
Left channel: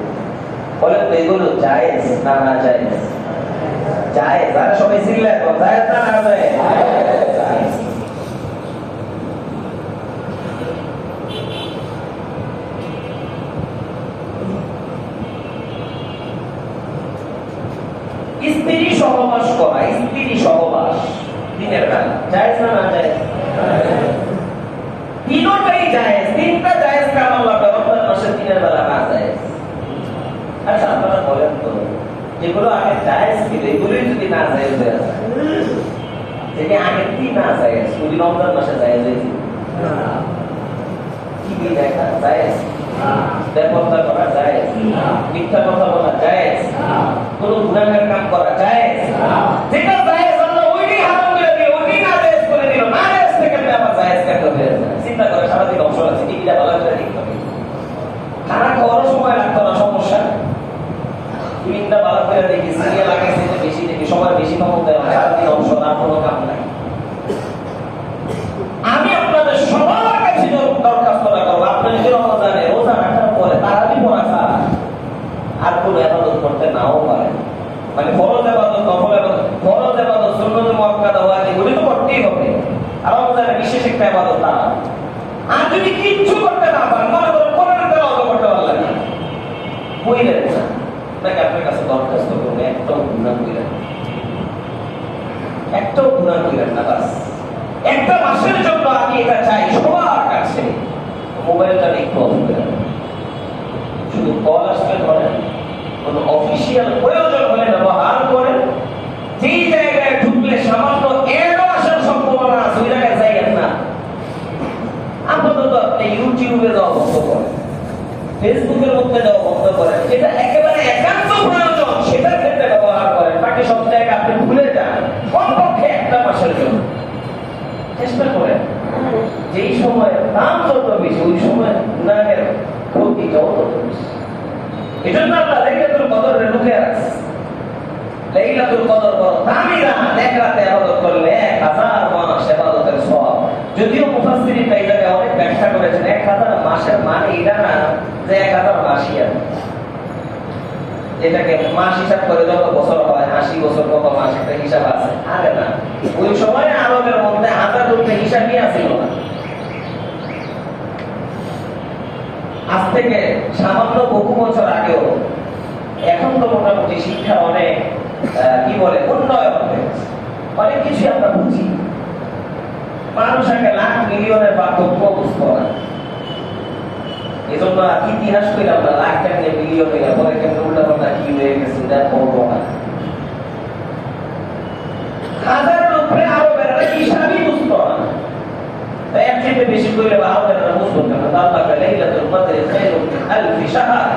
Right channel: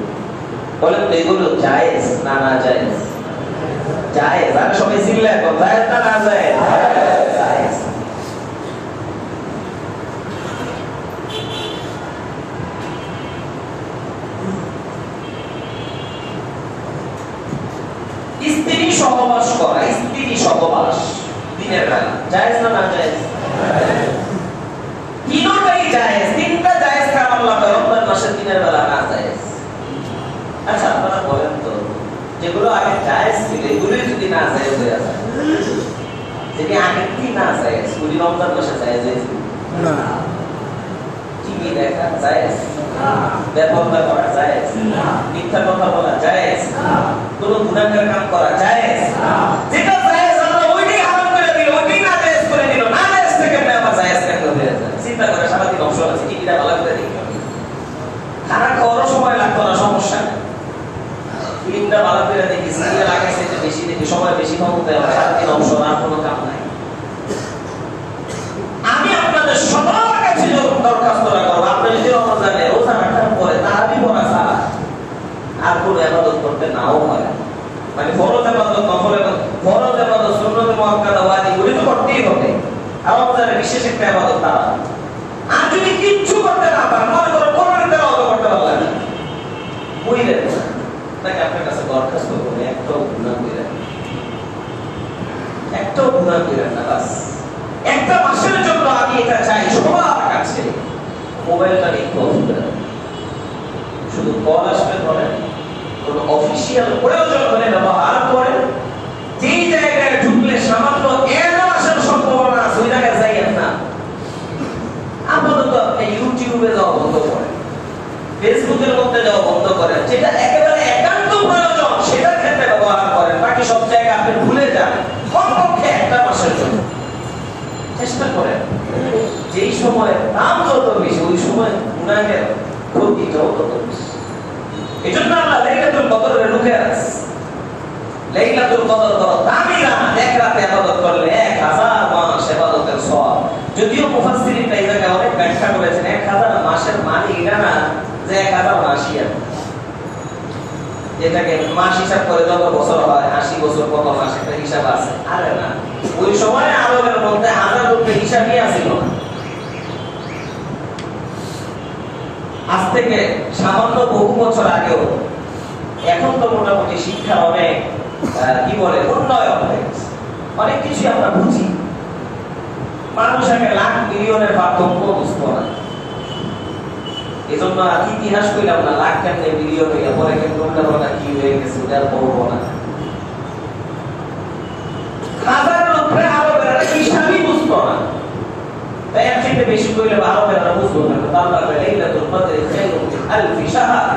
বলেন তো এগুলো জায়েজ না না জায়েজ? জায়েজ। আর সবাই চিল্লা এখন জায়েজ না না জায়েজ? জায়েজ। স্ত্রী সহবাস করা, স্ত্রী সহবাস দিনের বেলা জায়েজ না না জায়েজ? তিনটাই জায়েজ। তিনটা জায়েজ কারণ আল্লাহ রমজান মাসের দিনের বেলা না জায়েজ। আচ্ছা আপনারা বলেন তো, যেগুলো আগে জায়েজ ছিল এগুলোই যদি না জায়েজ হয়ে যায়, যেটি আগে কি না জায়েজ ওই রমজান মাসে জায়েজ হয়েছিল? টিভি দেখা জায়েজ, ব্যবহার করা জায়েজ, মিথ্যা কথা বলা জায়েজ, কোন গুনাহের কাম করা জায়েজ। যেটা জায়েজ আল্লাহ ওইটাই হারাম করে দিল, ওইটাই না জায়েজ করে দিল। না জায়েজ থেকে আবার জায়েজ কেন হয়ে যায়? চিন্তা করে সারাদিন অবসর আছে, টিভিটা ভালো করে দেখতে হবে, খানা খাওয়ারও সময় লাগতো না, সমস্যা নেই। ফিল্মটা ভালো করে দেখি, সিরিয়াল আগে থেকে বেশি দেখি, সময় বেশি পাবো, তাই সারাদিন অবসর আর কোনো কাম নাই। আমি আপনাদের সবার কাছে দরখাস্ত করবো, আপনি যদি রমজানে রোজা রাখার পরে তারাবি পড়া ছাড়া আর কোনো ইবাদত করতে নাও পারেন, মানে ফরজ ইবাদত, নফল ইবাদত, ফরজ ইবাদত, সুন্নাত মুআক্কাদা, ওয়াজিব ওগুলো তো করতেই হবে। আর রমজানে বিশেষ একটা ইবাদত তারা। আর যদি কিচ্ছু করতে না পারেন, মনে করেন কোরআনের তেলাওয়াত করতে পারলেন না, কইলেন না, তাকে আপনার কাছে দরখাস্ত করবে একটাও গুনাহ কইলেন, একটাও গুনাহ কইলেন না। বাস একটা মাসের জন্য আমি এটা চাই সবার কাছে, মোবাইলটা একটু অফ করে শুধু কল আসলে ধরেন, কোনো অফিসিয়াল প্রয়োজন হলে ব্যবহার করেন। যেই জায়গায় ঢুকলে সামান্য এরও আসার সম্ভাবনা আছে ওই জায়গায় যাইয়েন না। আপাতত আপনি ইউটিউবে যাওয়া বন্ধ করেন, ফেসবুকের মধ্যে যাওয়া বন্ধ করেন, যেটা একেবারে একান্ত প্রয়োজন সেটার ক্ষেত্রে ব্যবহার করেন। বাকি সব জায়গায় আপনি ভুলে যান, কমপক্ষে একটা মাসের জন্য চেষ্টা করেন। যেই সময় দাম যত বেশি ওই সময় গুনাহের ক্ষতিটাও তত বেশি। এই জন্য আমরা লাইলাতুল কদরে লুকে আছি। লাইলাতুল কদর বড় দামি রাত, এক রাতে ইবাদত করলে 1000 মাস ইবাদতের সওয়াব। যদিও মুফাসসিরিন এই জায়গায় অনেক ব্যাখ্যা করেছেন, 1000 মাসের মানে এটা না যে 1000 মাসই আছে, এটাকে মাস হিসাব করে যত বছর হয় 80 বছর কত মাস একটা হিসাব আছে। আরে না, ওই সময় আরবের মধ্যে 1000 রূপে হিসাবই আছিল না। আজ থেকে সামান্য বহু বছর আগেও, এখন তো মোটামুটি শিক্ষার অনেক কি বলে উন্নয়ন হয়েছে, অনেক কিছু আমরা বুঝি। মানুষ একটা লাখ মিলিয়নের পার্থক্য বুঝতে পারে। এই জন্য ইতিহাস কইলে আমরা লাখ টাকা মিলিয়ন হয়ে পরে কিন্তু উল্টা কি হয়ে গেছে ওটা বলবো না। হাজারের উপরে আরবের হিসাবই বুঝতো না, তাই এর থেকে বেশি কইলে আরবেরা বুঝতো না। আল্লাহ বলে লাইলাতুল কদর খায়রুম মিন আলফি শাহর,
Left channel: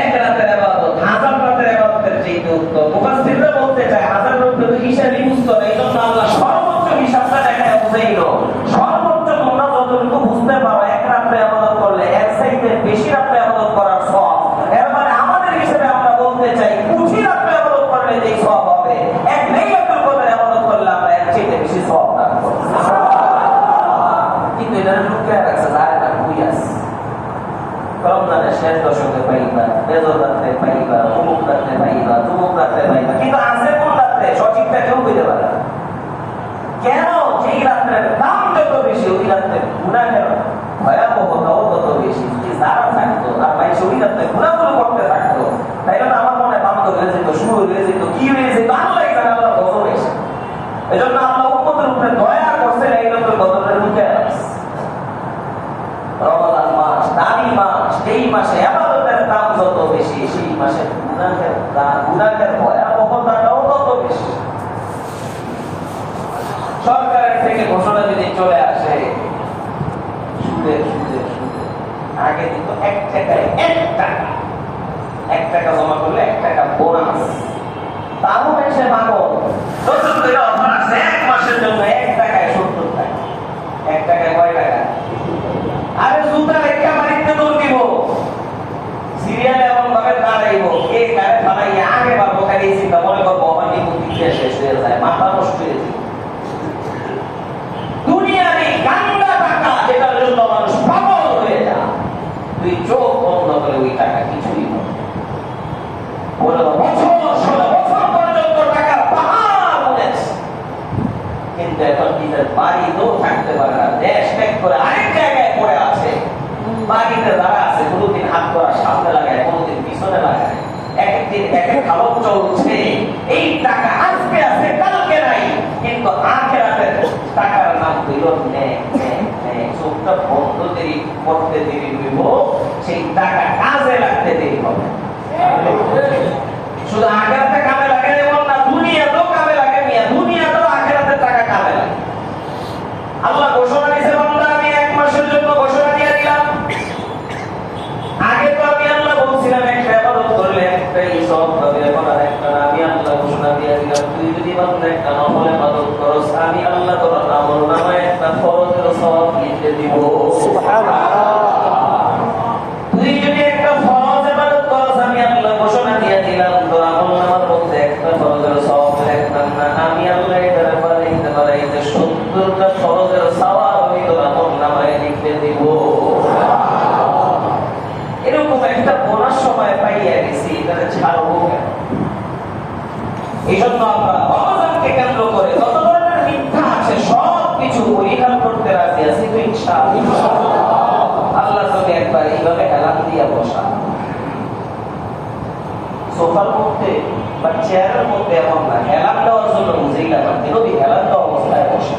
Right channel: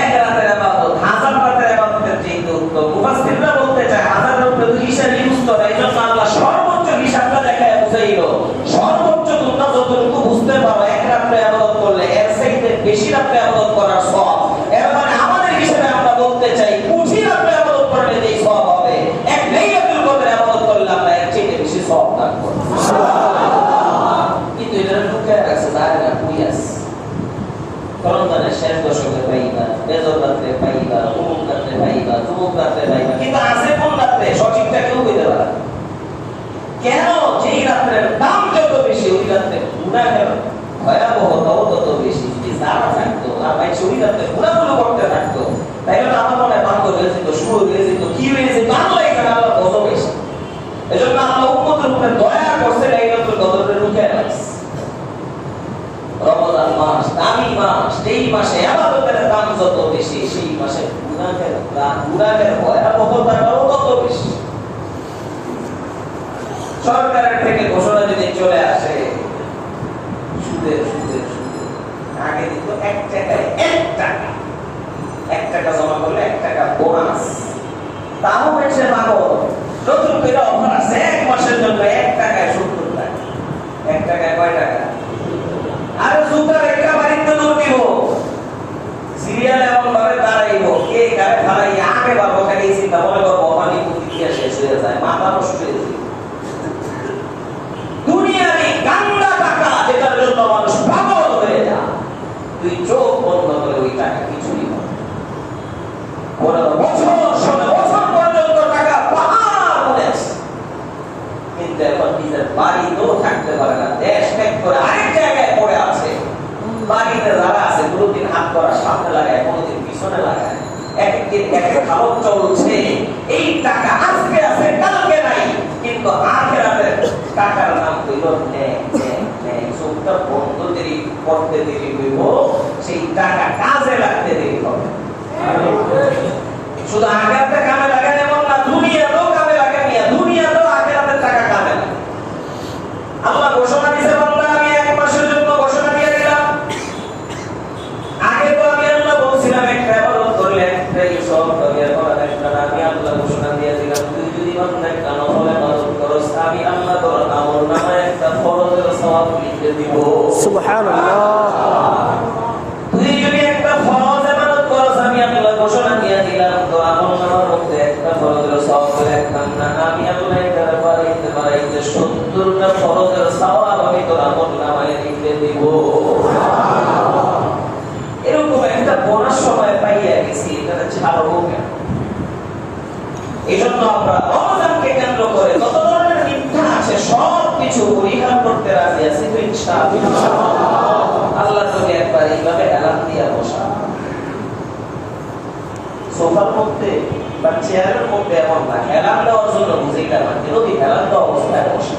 এক রাতের ইবাদত 1000 রাতের ইবাদতের চেয়ে উত্তম। মুফাসসিররা বলতে চায় 1000 এর উপরে হিসাবই বুঝতো না, এজন্য আল্লাহ সর্বোচ্চ হিসাবটা দেখায় বুঝাইলো। সর্বোচ্চ তোমরা যতটুকু বুঝতে পারো এক রাতে ইবাদত করলে এর চাইতে বেশি রাতে ইবাদত করার সওয়াব। এবারে আমাদের হিসেবে আমরা বলতে চাই 20 রাতে ইবাদত করলে যে সওয়াব হবে, এক লাইলাতুল কদরে ইবাদত করলে আমরা এর চেয়ে বেশি সওয়াব পাবো। সুবহানাল্লাহ। কিন্তু এটা লুকিয়ে রাখছে যায় না, কুইয়াস রমজানের শেষ দশকে পাইবা, বেজর রাতে পাইবা, অমুক রাতে পাইবা, তমুক রাতে পাইবা, কিন্তু আছে কোন রাতে সঠিকটা কেউ বলতে পারে না। কেন? যেই রাত্রের দাম যত বেশি ওই রাত্রে গুনাহের ভয়াবহতাও তত বেশি। যদি যারা থাকতো আর ভাই ওই রাত্রে গুনাহগুলো করতে থাকতো, তাইলে আমার মনে বান্ধব হয়ে যেত, শুরু হয়ে যেত, কি হয়ে যেত, আল্লাহ এখানে আল্লাহ গজব এসে। এজন্য ইসলামের ভয়াবহতাটাও তত বেশি। সরকারের থেকে ঘোষণা যদি চলে আসে সুদে সুদে সুদে, আগে দিত 1 টাকায় 1 টাকা জমা করলে 1 টাকা বোনাস, তাও হয়েছে পাগল। নতুন করে অফার আছে 1 মাসের জন্য 1 টাকায় 70 টাকা। 1 টাকায় কয় টাকা? আরে জুতার একটা বাড়িতে দূর দিব, সিরিয়াল এমন ভাবে দাঁড়াইব, কে কারে ফালাইয়া আগে পাবো, খালি চিন্তা মনে করবো পানি প্রতিক্রিয়া শেষ হয়ে যায়, মাথা নষ্ট হয়ে যায়। দুনিয়ার এই গান্দা টাকা যেটার জন্য মানুষ পাগল হয়ে যায়, তুই চোখ বন্ধ করে ওই টাকা কিছুই না। 15 বছর 16 বছর পর্যন্ত টাকা পাহাড় উঠেছে, কিন্তু এখন নিজের বাড়িতেও থাকতে পারে না, দেশ ত্যাগ করে আরেক জায়গায় পড়ে আছে। বাড়িতে যারা আছে কোনোদিন হাত করা সামনে লাগায়, কোনোদিন পিছনে লাগায়, এক একদিন এক এক খাবার চলছে। এই টাকা আজকে আছে কালকে নাই, কিন্তু আখিরাতের টাকার নাম হইল চোখটা বন্ধ দেরি করতে দেরি হইব, সেই টাকা কাজে লাগতে দেরি হবে। শুধু আখিরাতে কামে লাগে এমন না, দুনিয়াতেও কামে লাগে, দুনিয়াতেও আখিরাতের টাকা কামে লাগে। আল্লাহ ঘোষণা দিয়েছে, বান্দা আমি 1 মাসের জন্য ঘোষণা দিয়ে দিলাম। আগে তো আমি আল্লাহ বলছিলাম একটা ইবাদত করলে একটাই সওয়াব পাবে, এখন আরেকটা আমি আল্লাহ ঘোষণা দিয়ে দিলাম, তুই যদি বান্দা একটা নফল ইবাদত করস, আমি আল্লাহ তোর আমলনামায় একটা ফরজের সওয়াব লিখে দিব। সুবহানাল্লাহ। তুই যদি একটা ফরজ ইবাদত করস, আমি আল্লাহ ঘোষণা দিয়ে দিলাম তোর আমলনামার মধ্যে একটা ফরজের সওয়াব লিখতাম না, আমি আল্লাহ এটার বাড়াইতে বাড়াইতে 70টা ফরজের সওয়াব আমি তোর আমলনামায় লিখে দিব। এরকম একটা বোনাস সময় পাইয়া গেছি, এটা ছাড়বো কেন? এই জন্য আমরা রমজানকে কেন্দ্র করে যত ধরনের মিথ্যা আছে সব কিছু পরিহার করতে রাজি আছি তো ইনশাআল্লাহ। আল্লাহ নবী একবার এইভাবে এলান দিয়া বসা, সোফার মধ্যে বা চেয়ারের মধ্যে, এমন না এলান দেওয়ার জন্য বুঝেইটা পারছে, নবী এলান দেওয়া অবস্থায় বসে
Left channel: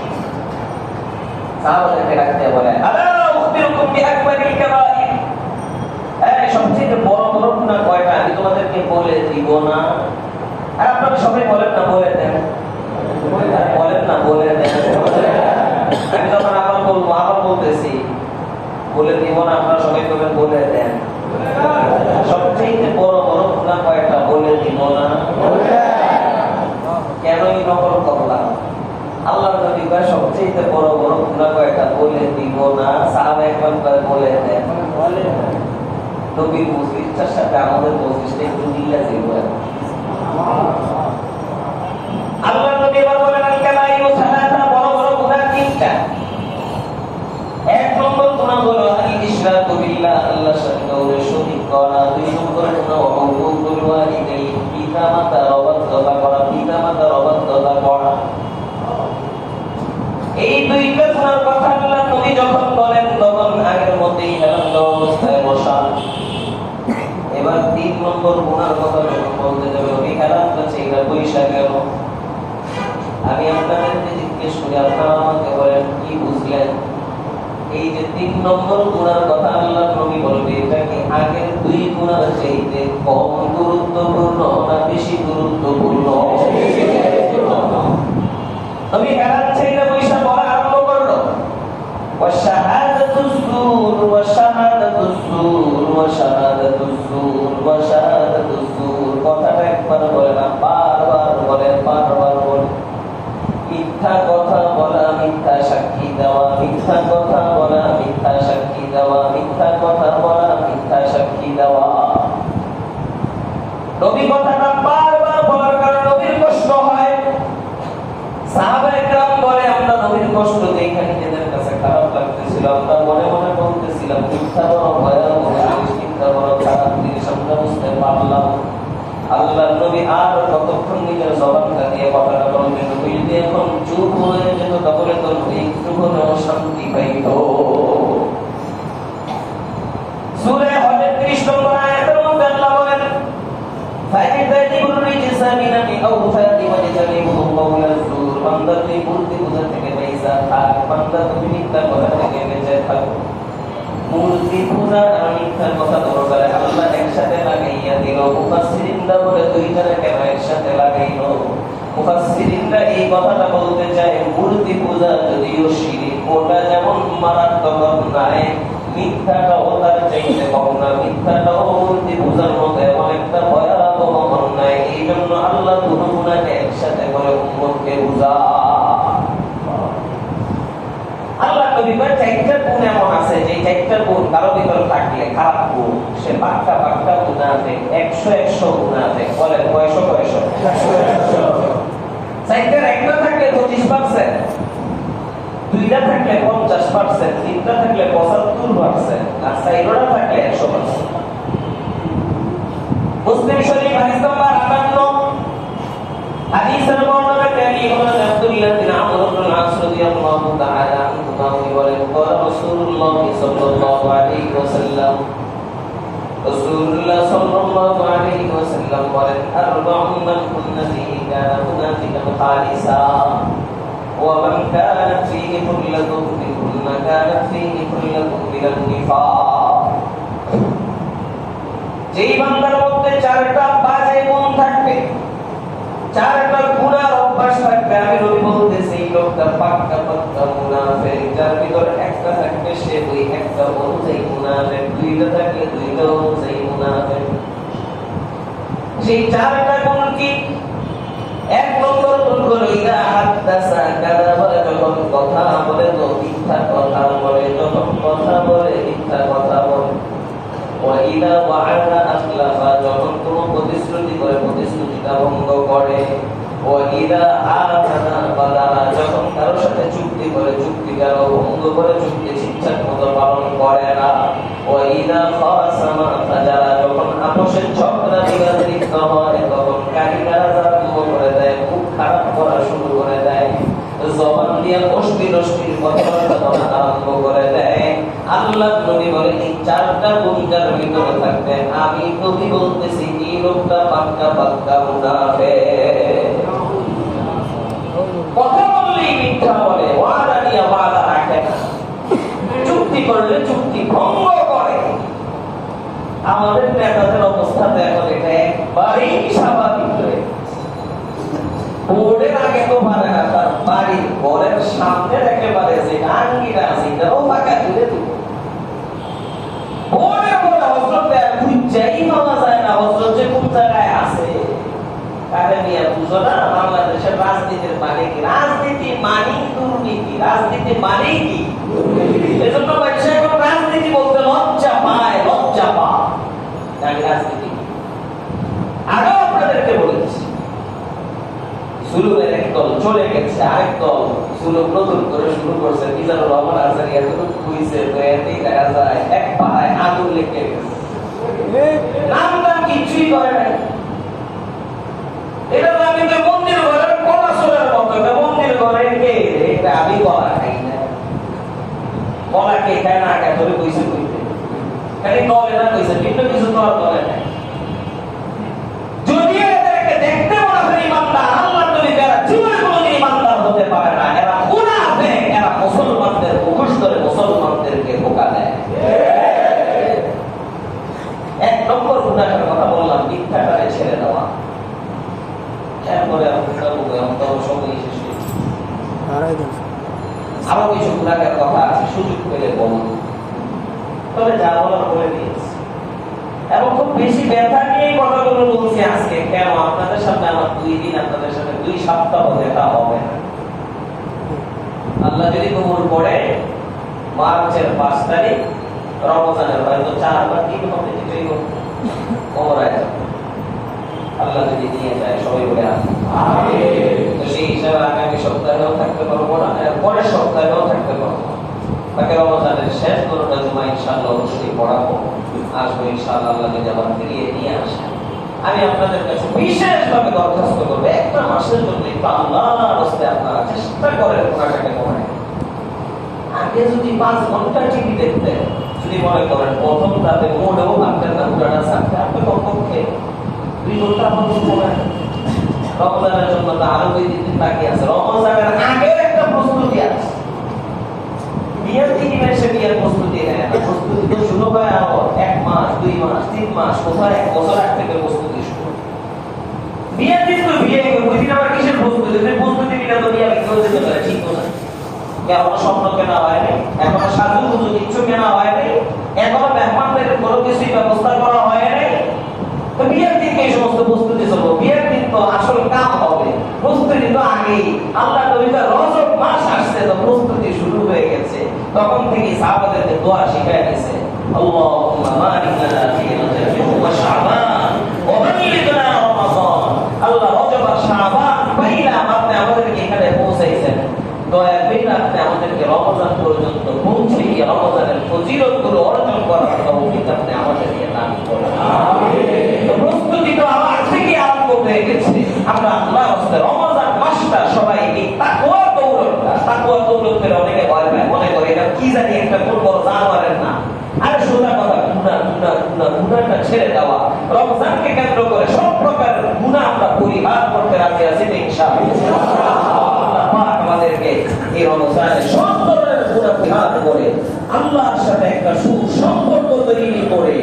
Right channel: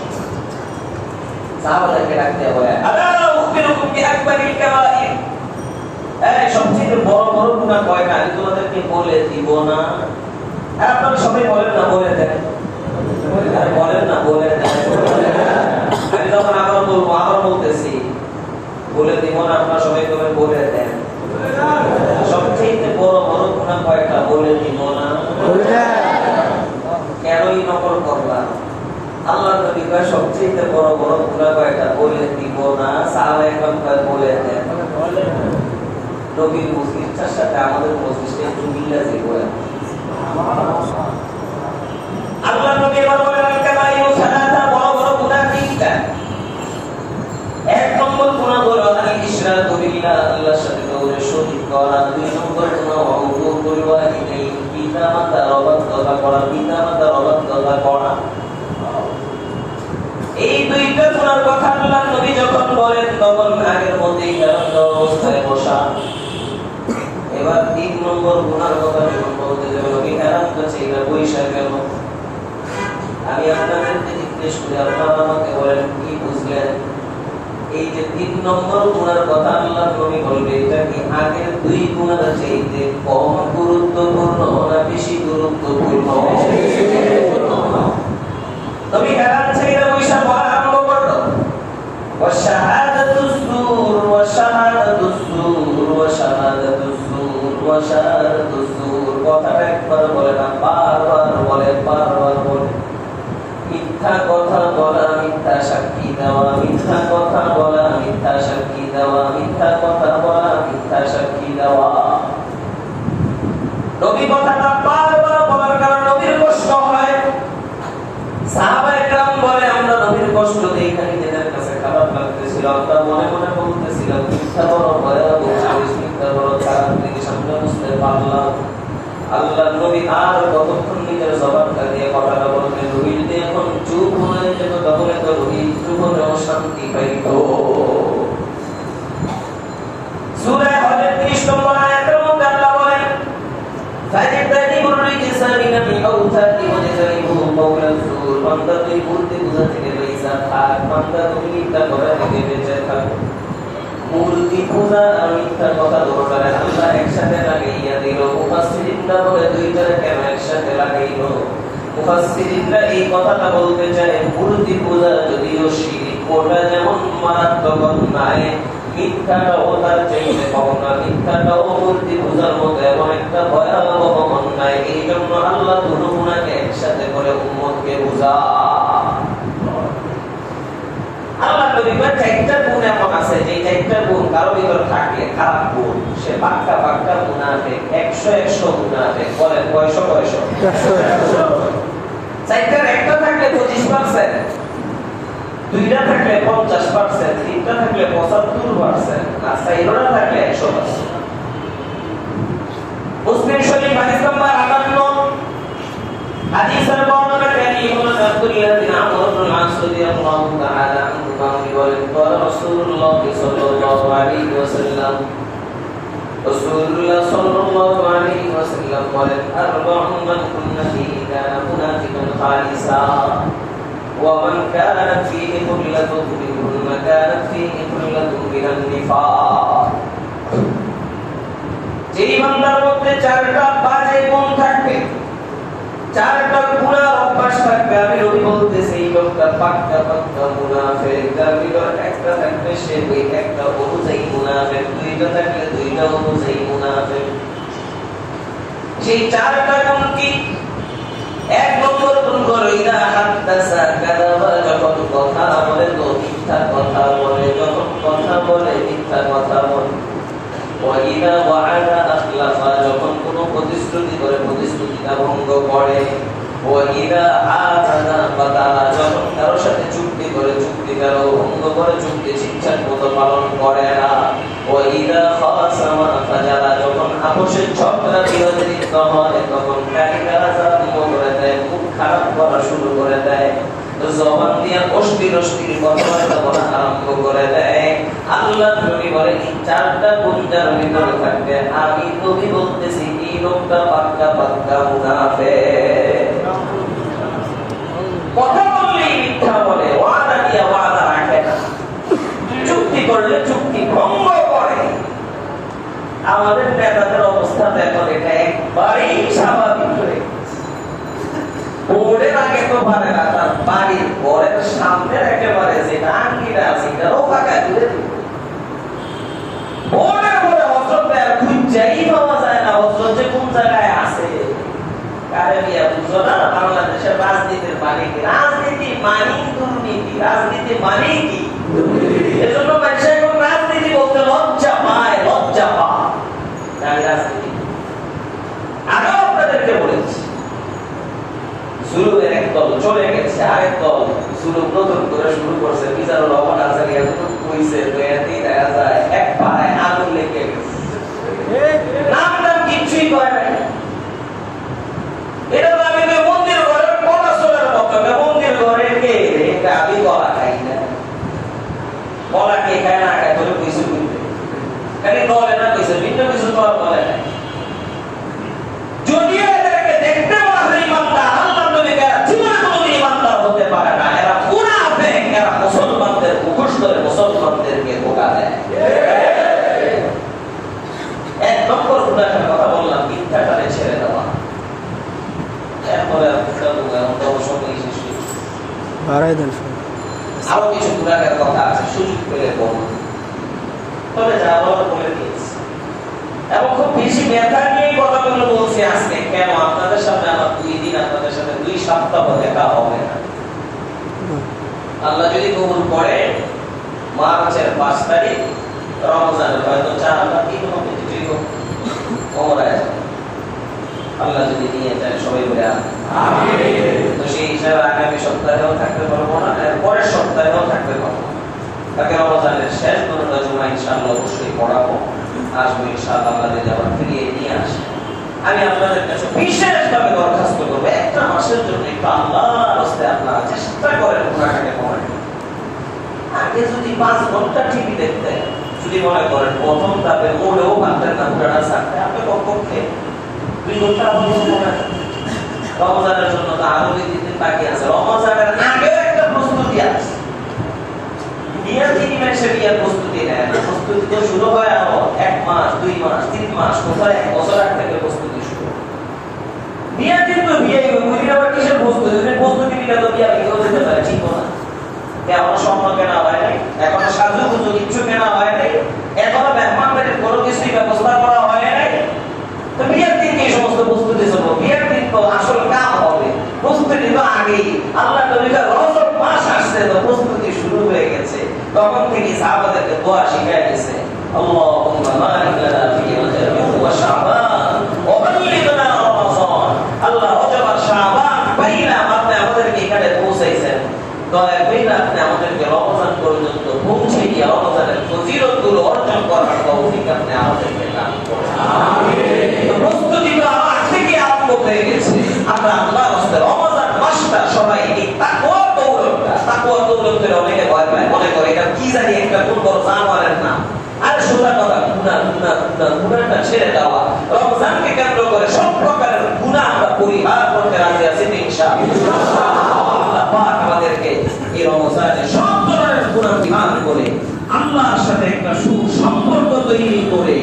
সাহাবাদেরকে ডাকতে বলে, আলা উখবিরুকুম বিআকবারিল কাবাইর, এই সবচেয়ে বড় বড় গুনাহ কয়টা আমি তোমাদেরকে বলে দিব না? আর আপনারা সবাই বলেন না, বলে দেন, বলেন না, বলে দেন। আমি যখন আবার বলবো, আবার বলতেছি, বলে দিব না, আপনারা সবাই বলেন বলে দেন। সবচেয়ে বড় বড় গুনাহ কয়টা? বলে দিব না। কেনই নকল করলাম? আল্লাহ নবী কয় সবচেয়ে বড় বড় গুনাহ কয়টা? বলে দিব না। সাহাবায়ে কেরাম কয় বলে দেন। নবীর মসজিদটার সাথে আমাদের মসজিদটা একটু মিলা ছিল। আল্লাহ নবী এবার বলেন, আল কাবাইরু সালাসা, বড় বড় গুনাহ তিনটা। 1 নম্বর গুনাহ হলো আল ইশরাকু বিল্লাহ, আল্লাহর সাথে কাউকে শরীক করা। 2 নম্বর গুনাহ হুকুকুল ওয়ালিদাইন, পিতামাতার অবাধ্যতা করা, পিতামাতার অবাধ্যতা করা। এই 2টা গুনার কথা আল্লাহ নবী যখন বলেন, তখন আগের মতই অবস্থায় বসা। এবার 3 নম্বর গুনার কথা যখন বলতে যাবে, ওই হারাম কাছে এটা পয়সা গেল। আমি আপনাদেরকে জিজ্ঞেস করি, আপনারা আমাকে বলেন কি বুঝলেন? এই যে 3 নম্বর গুনার কথা আল্লাহ নবী বলবে, এটা কি আগের 2 গুনার চাইতে কম গুরুত্বপূর্ণ না বেশি গুরুত্বপূর্ণ? নবী হারাম ছেড়ে পয়সা বলা আরম্ভ করলো, ওয়াশাহাদাতুজ জুর ওয়াশাহাদাতুজ জুর ওয়াশাহাদাতুজ জুর ওয়াশাহাদাতুজ জুর। কথাটা একবার বলে না, বারবার বলে, বারবার বলে। মিথ্যা কথা বলা, মিথ্যা সাক্ষী দেওয়া, মিথ্যা কথা বলা, মিথ্যা সাক্ষী দেওয়া, মিথ্যা কথা বলা, মিথ্যা সাক্ষী দেওয়া। নবী কথাটা বারবার বলার কারণে নবীর কষ্ট হয়। সাহাবায়ে কেরাম বলে, আমরা নবীর কষ্ট দেখে নিজেদের কাছে খারাপ লাগতেছিল, আমরা মনে মনে বলতেছিলাম মিথ্যা বড় ভয়াবহ জিনিস, মিথ্যা বড় খারাপ জিনিস, আমরা বুঝতে পারলাম। আল্লাহর নবী আর কতক্ষণ নিজের জবানটা দিয়ে কথাটা বলতেন, রুহিল দিয়ে এখন চুপ হয়ে যেত, তাহলে তো রুহিল চুপ হতে অশান্তি পাইত। সূরা হজের 30 নম্বর আয়াতের মধ্যে আল্লাহ বলেন, ফাজিতানিবুর রিজসা মিনাল আওতাদি ওয়াজতানিবু কাওলাল জুর। বান্দা তুই বুদ্ধি বুঝা থেকে বাইসা থাক, বান্দা তুই মিথ্যা কথা থেকে বেঁচে থাক। মূর্তি পূজা আর মিথ্যার কথা বলতে আল্লাহ একসাথে লাগাইয়া দিল। মুফাসসিরিনরা বলে দুইটারে কেন একসাথে লাগাইলো? মুফাসসিরিনরা এই কথাটা বলতে চায় মূর্তি পূজা যদিও শিরক, ওটা যেমন মারাত্মক অন্যায়, মিথ্যাটাও তার চাইতে কম না। মিথ্যাটাও মূর্তি পূজার মতো এমন একটা ভয়াবহ অন্যায়। এই জন্য আল্লাহ দুটোকে একসাথে করে উম্মতকে বুঝা। আল্লাহ নবীর চারটা গুণ এমন আছে যে চারটা গুণ কারো ভিতর থাকলে খারাপ গুণ, সে পাক্কা পাক্কা মুনাফিক, 100 মুনাফিক। বলেন কয়শো? চারটার একটা থাকলে 25%, দুইটা থাকলে 50%, তিনটা থাকলে 75%, আর চারটা থাকলে 100%। মুসলিম শরীফ হাদিস নাম্বার 58, হাদিসের বর্ণনাকারী হলেন আব্দুল্লাহ বিন আমর ইবনে আস রাদিয়াল্লাহু তাআলা আনহু বলেন, قال রাসূলুল্লাহ সাল্লাল্লাহু আলাইহি ওয়াসাল্লাম, রাসূলুল্লাহ সাল্লাল্লাহু আলাইহি ওয়াসাল্লাম বলেন, আরবাউন মান কুন্না ফীহি কানা মুনাফিকান খালিসা ওয়া মান কানাত ফীহি কুল্লাতুন মিনহুন্না কানাত ফীহি কুল্লাতুন মিনান নিফাক। যেই বান্দার মধ্যে চারটা বাজে গুণ থাকবে, চারটা গুনার অভ্যাস থাকবে, আমি নবী বলতেছি এই লোকটা পাক্কা পাক্কা মুনাফিক। যার ভিতর একটা থাকবে সে ওই একটা অনুযায়ী মুনাফিক, দুইটা থাকলে দুইটা অনুযায়ী মুনাফিক। সেই চারটা গুণ কি? এক নম্বর গুণ হলো ইদা হাদাসা কাযাবা, যখন কথা বলে তো মিথ্যা কথা বলে, যখন কথা বলে মিথ্যা কথা বলে। ওয়া ইদা ওয়া'আদা আখলাফা, যখন কোনো প্রতিশ্রুতি করে প্রতিশ্রুতিটা ভঙ্গ করে। ওয়া ইদা আ'তানা ফাদারা, যখন কারোর সাথে চুক্তি করে চুক্তিটাও ভঙ্গ করে, চুক্তি ঠিকঠাক মতো পালন করে না। ওয়া ইদা খাসামা ফাজারা, যখন আপোষের ঝগড়া বিবাদে লিপ্ত হয় তখন গালিগালাজ আরম্ভ করে দেয়, খুব খারাপ করা শুরু করে দেয়, জবান দিয়ে অশ্লীল কথা বলা আরম্ভ করে দেয়। আল্লাহ নবী বলে এই চারটা গুণের ভিতরে থাকবে, আমি নবী বলতেছি এই লোকটা পাক্কা পাক্কা মুনাফিক। কথা বললেই মিথ্যা বলে, ওয়াদা দিয়ে ওয়াদা রাখে না, চুক্তি করলে চুক্তি ভঙ্গ করে। আমাদের নেতাদের অবস্থা দেখো, এটা একবারেই স্বাভাবিক হয়ে বোর্ডের আগে তো পারে না, তার বাড়ির ঘরের সামনের একেবারে যে আঙ্গিটা আছে এটাও ফাঁকা দিলে দিব। বোর্ডের পরে হজরত খুঁজাই পাওয়া যায় না, হজরত যে কোন জায়গায় আছে। কারে বিয়া বুঝো না, বাংলাদেশের রাজনীতির মানে কি? রাজনীতি মানে দুর্নীতি, রাজনীতি মানে কি? এজন্য মানুষ এখন রাজনীতি বলতে লজ্জা পায়, লজ্জা পায়। আমি রাজনীতি আগেও আপনাদেরকে বলেছি, জুলুমের এক দল চলে গেছে, আরেক দল জুলুম নতুন করে শুরু করছে। মিজানুর রহমান আনসারী এতটুকু কইছে তো এতেই দেখা যায় এক পাড়ায় আগুন লেগে গেছে, নাম নাম কিছুই করে নাই। এটা তো আমি তো মন্দির ঘরের কলাসলের মতো, মন্দির ঘরের কে এটা আমি কলা খাই না, কলা কে খায় না খায় ধরে কইছে কইতে খালি দলে না কইছে, ভিন্ন কিছু দল দলে নাই। যদিও এদেরকে দেখতে মনে হয় ইমানদার, আল্লাহ নবী যারা জীবনে কোনোদিন ইমানদার হতে পারে না, এরা মুনাফিক, এরা মুসলমানদের মুখোশ ধরে মুসলমানদেরকে ধোঁকা দেয়। এক নম্বর গুনাহের কথা বললাম, মিথ্যাটারে ছেড়ে দেওয়া। এরপরে আরো কিছু গুনাহের কথা আছে, সুযোগ পেলে বলুন, তবে যা বলার বলে দিয়েছি। এবং খুব বেশি ব্যথা নিয়ে কথাগুলো বলছি আজকে। কেন? আপনাদের সামনে আমার 2 দিন, আপনাদের সাথে 2 সপ্তাহ দেখা হবে না। আল্লাহ যদি কবুল করে মার্চের 5 তারিখ রমজানের হয়তো 4 বা 3 হবে, কিছুই ওমরায় আল্লাহ যদি নিয়ে যায়, সবাই বলে আমিন। তো সেই হিসাবে আগামী সপ্তাহেও থাকতে পারবো না, পরের সপ্তাহেও থাকতে পারবো না। তাকে রমজানের শেষ দুটো জুমা ইনশাআল্লাহ অবশ্যই পড়াবো, আসবো ইনশাআল্লাহ। আল্লাহ যদি আবার ফিরিয়ে নিয়ে আসে, আমি আপনাদের কাছে বিশেষভাবে দরখাস্ত করবো, একটা মাসের জন্য একটু আল্লাহর রাস্তায় আপনারা চেষ্টা করেন কোরআনটাকে পড়েন। আগে যদি 5 ঘন্টা টিভি দেখতেন, যদি মনে করেন প্রথম ধাপে মোড়েও ভাবতেন না পুরানা থাকতে, আপনি কমপক্ষে 2 ঘন্টা পড়েন। রমজানের জন্য তো আরো 2 দিন বাকি আছে, রমজানের আগেও একটা প্রস্তুতি আছে। বিয়ের 3 মাসে বিয়ের প্রস্তুতি নেয় না, প্রস্তুতি তো শুরু হয় আরো 1 মাস 2 মাস 3 মাস, কোথায় 1 বছর আগ থেকে প্রস্তুতি শুরু। বিয়ের দিন তো বিয়ে বুঝলে আবার কিসের প্রস্তুতি? প্রস্তুতি নিলে তো বিয়ে কেউ যেতে পারে, ঠিক না? এখনো স্বপ্ন কেনা হয় নাই, এখনো সাজুগুজু কিচ্ছু কেনা হয় নাই, এখনো মেহমানদের কোনো কিছুই ব্যবস্থা করা হয় নাই। তো বিয়ের দিনকে এই সমস্ত প্রস্তুতি চলবো। বিয়ের দিন তো আসল কাম হবে, প্রস্তুতি তো আগেই। আল্লাহ নবীর রজব মাস আসছে, তো প্রস্তুতি শুরু হয়ে গেছে। তখন থেকে সাহাবাদেরকে দোয়া শিখিয়ে গেছে, আল্লাহুম্মা বারিক লানা ফি রজব ওয়া শাবান ওয়া বাল্লিগনা রমাদান। আল্লাহ রজব আর শাবান বাইনা আপনি আমাদেরকে এখানে পৌঁছাইছেন, দয়া করে আপনি আমাদেরকে রমজান পর্যন্ত পৌঁছে গিয়ে রমজানের ফজিলতগুলো অর্জন করার তৌফিক আপনি আমাদেরকে দান করুন। আমিন। প্রস্তুতি তো আজ থেকে আরম্ভ হয়ে গেছে। আমরা আল্লাহর রাস্তে রমজান মাসটা সবাই এই তাকওয়া দৌলত করে অনেকে ভয় পায়, মনে করে এটা কি জানি একটা কোন বড় জানোয়ারের না। আর সোজা কথা, গুনাহটা ছেড়ে দেওয়া। রমজানকে কেন্দ্র করে সব প্রকারের গুনাহ আমরা পরিহার করতে রাজি আছি ইনশাআল্লাহ। আল্লাহ পাক আমাদেরকে এই রমজানে সব ধরনের গুনাহ পরিহার করে আল্লাহর সাথে একটা সুসম্পর্ক তৈরি করে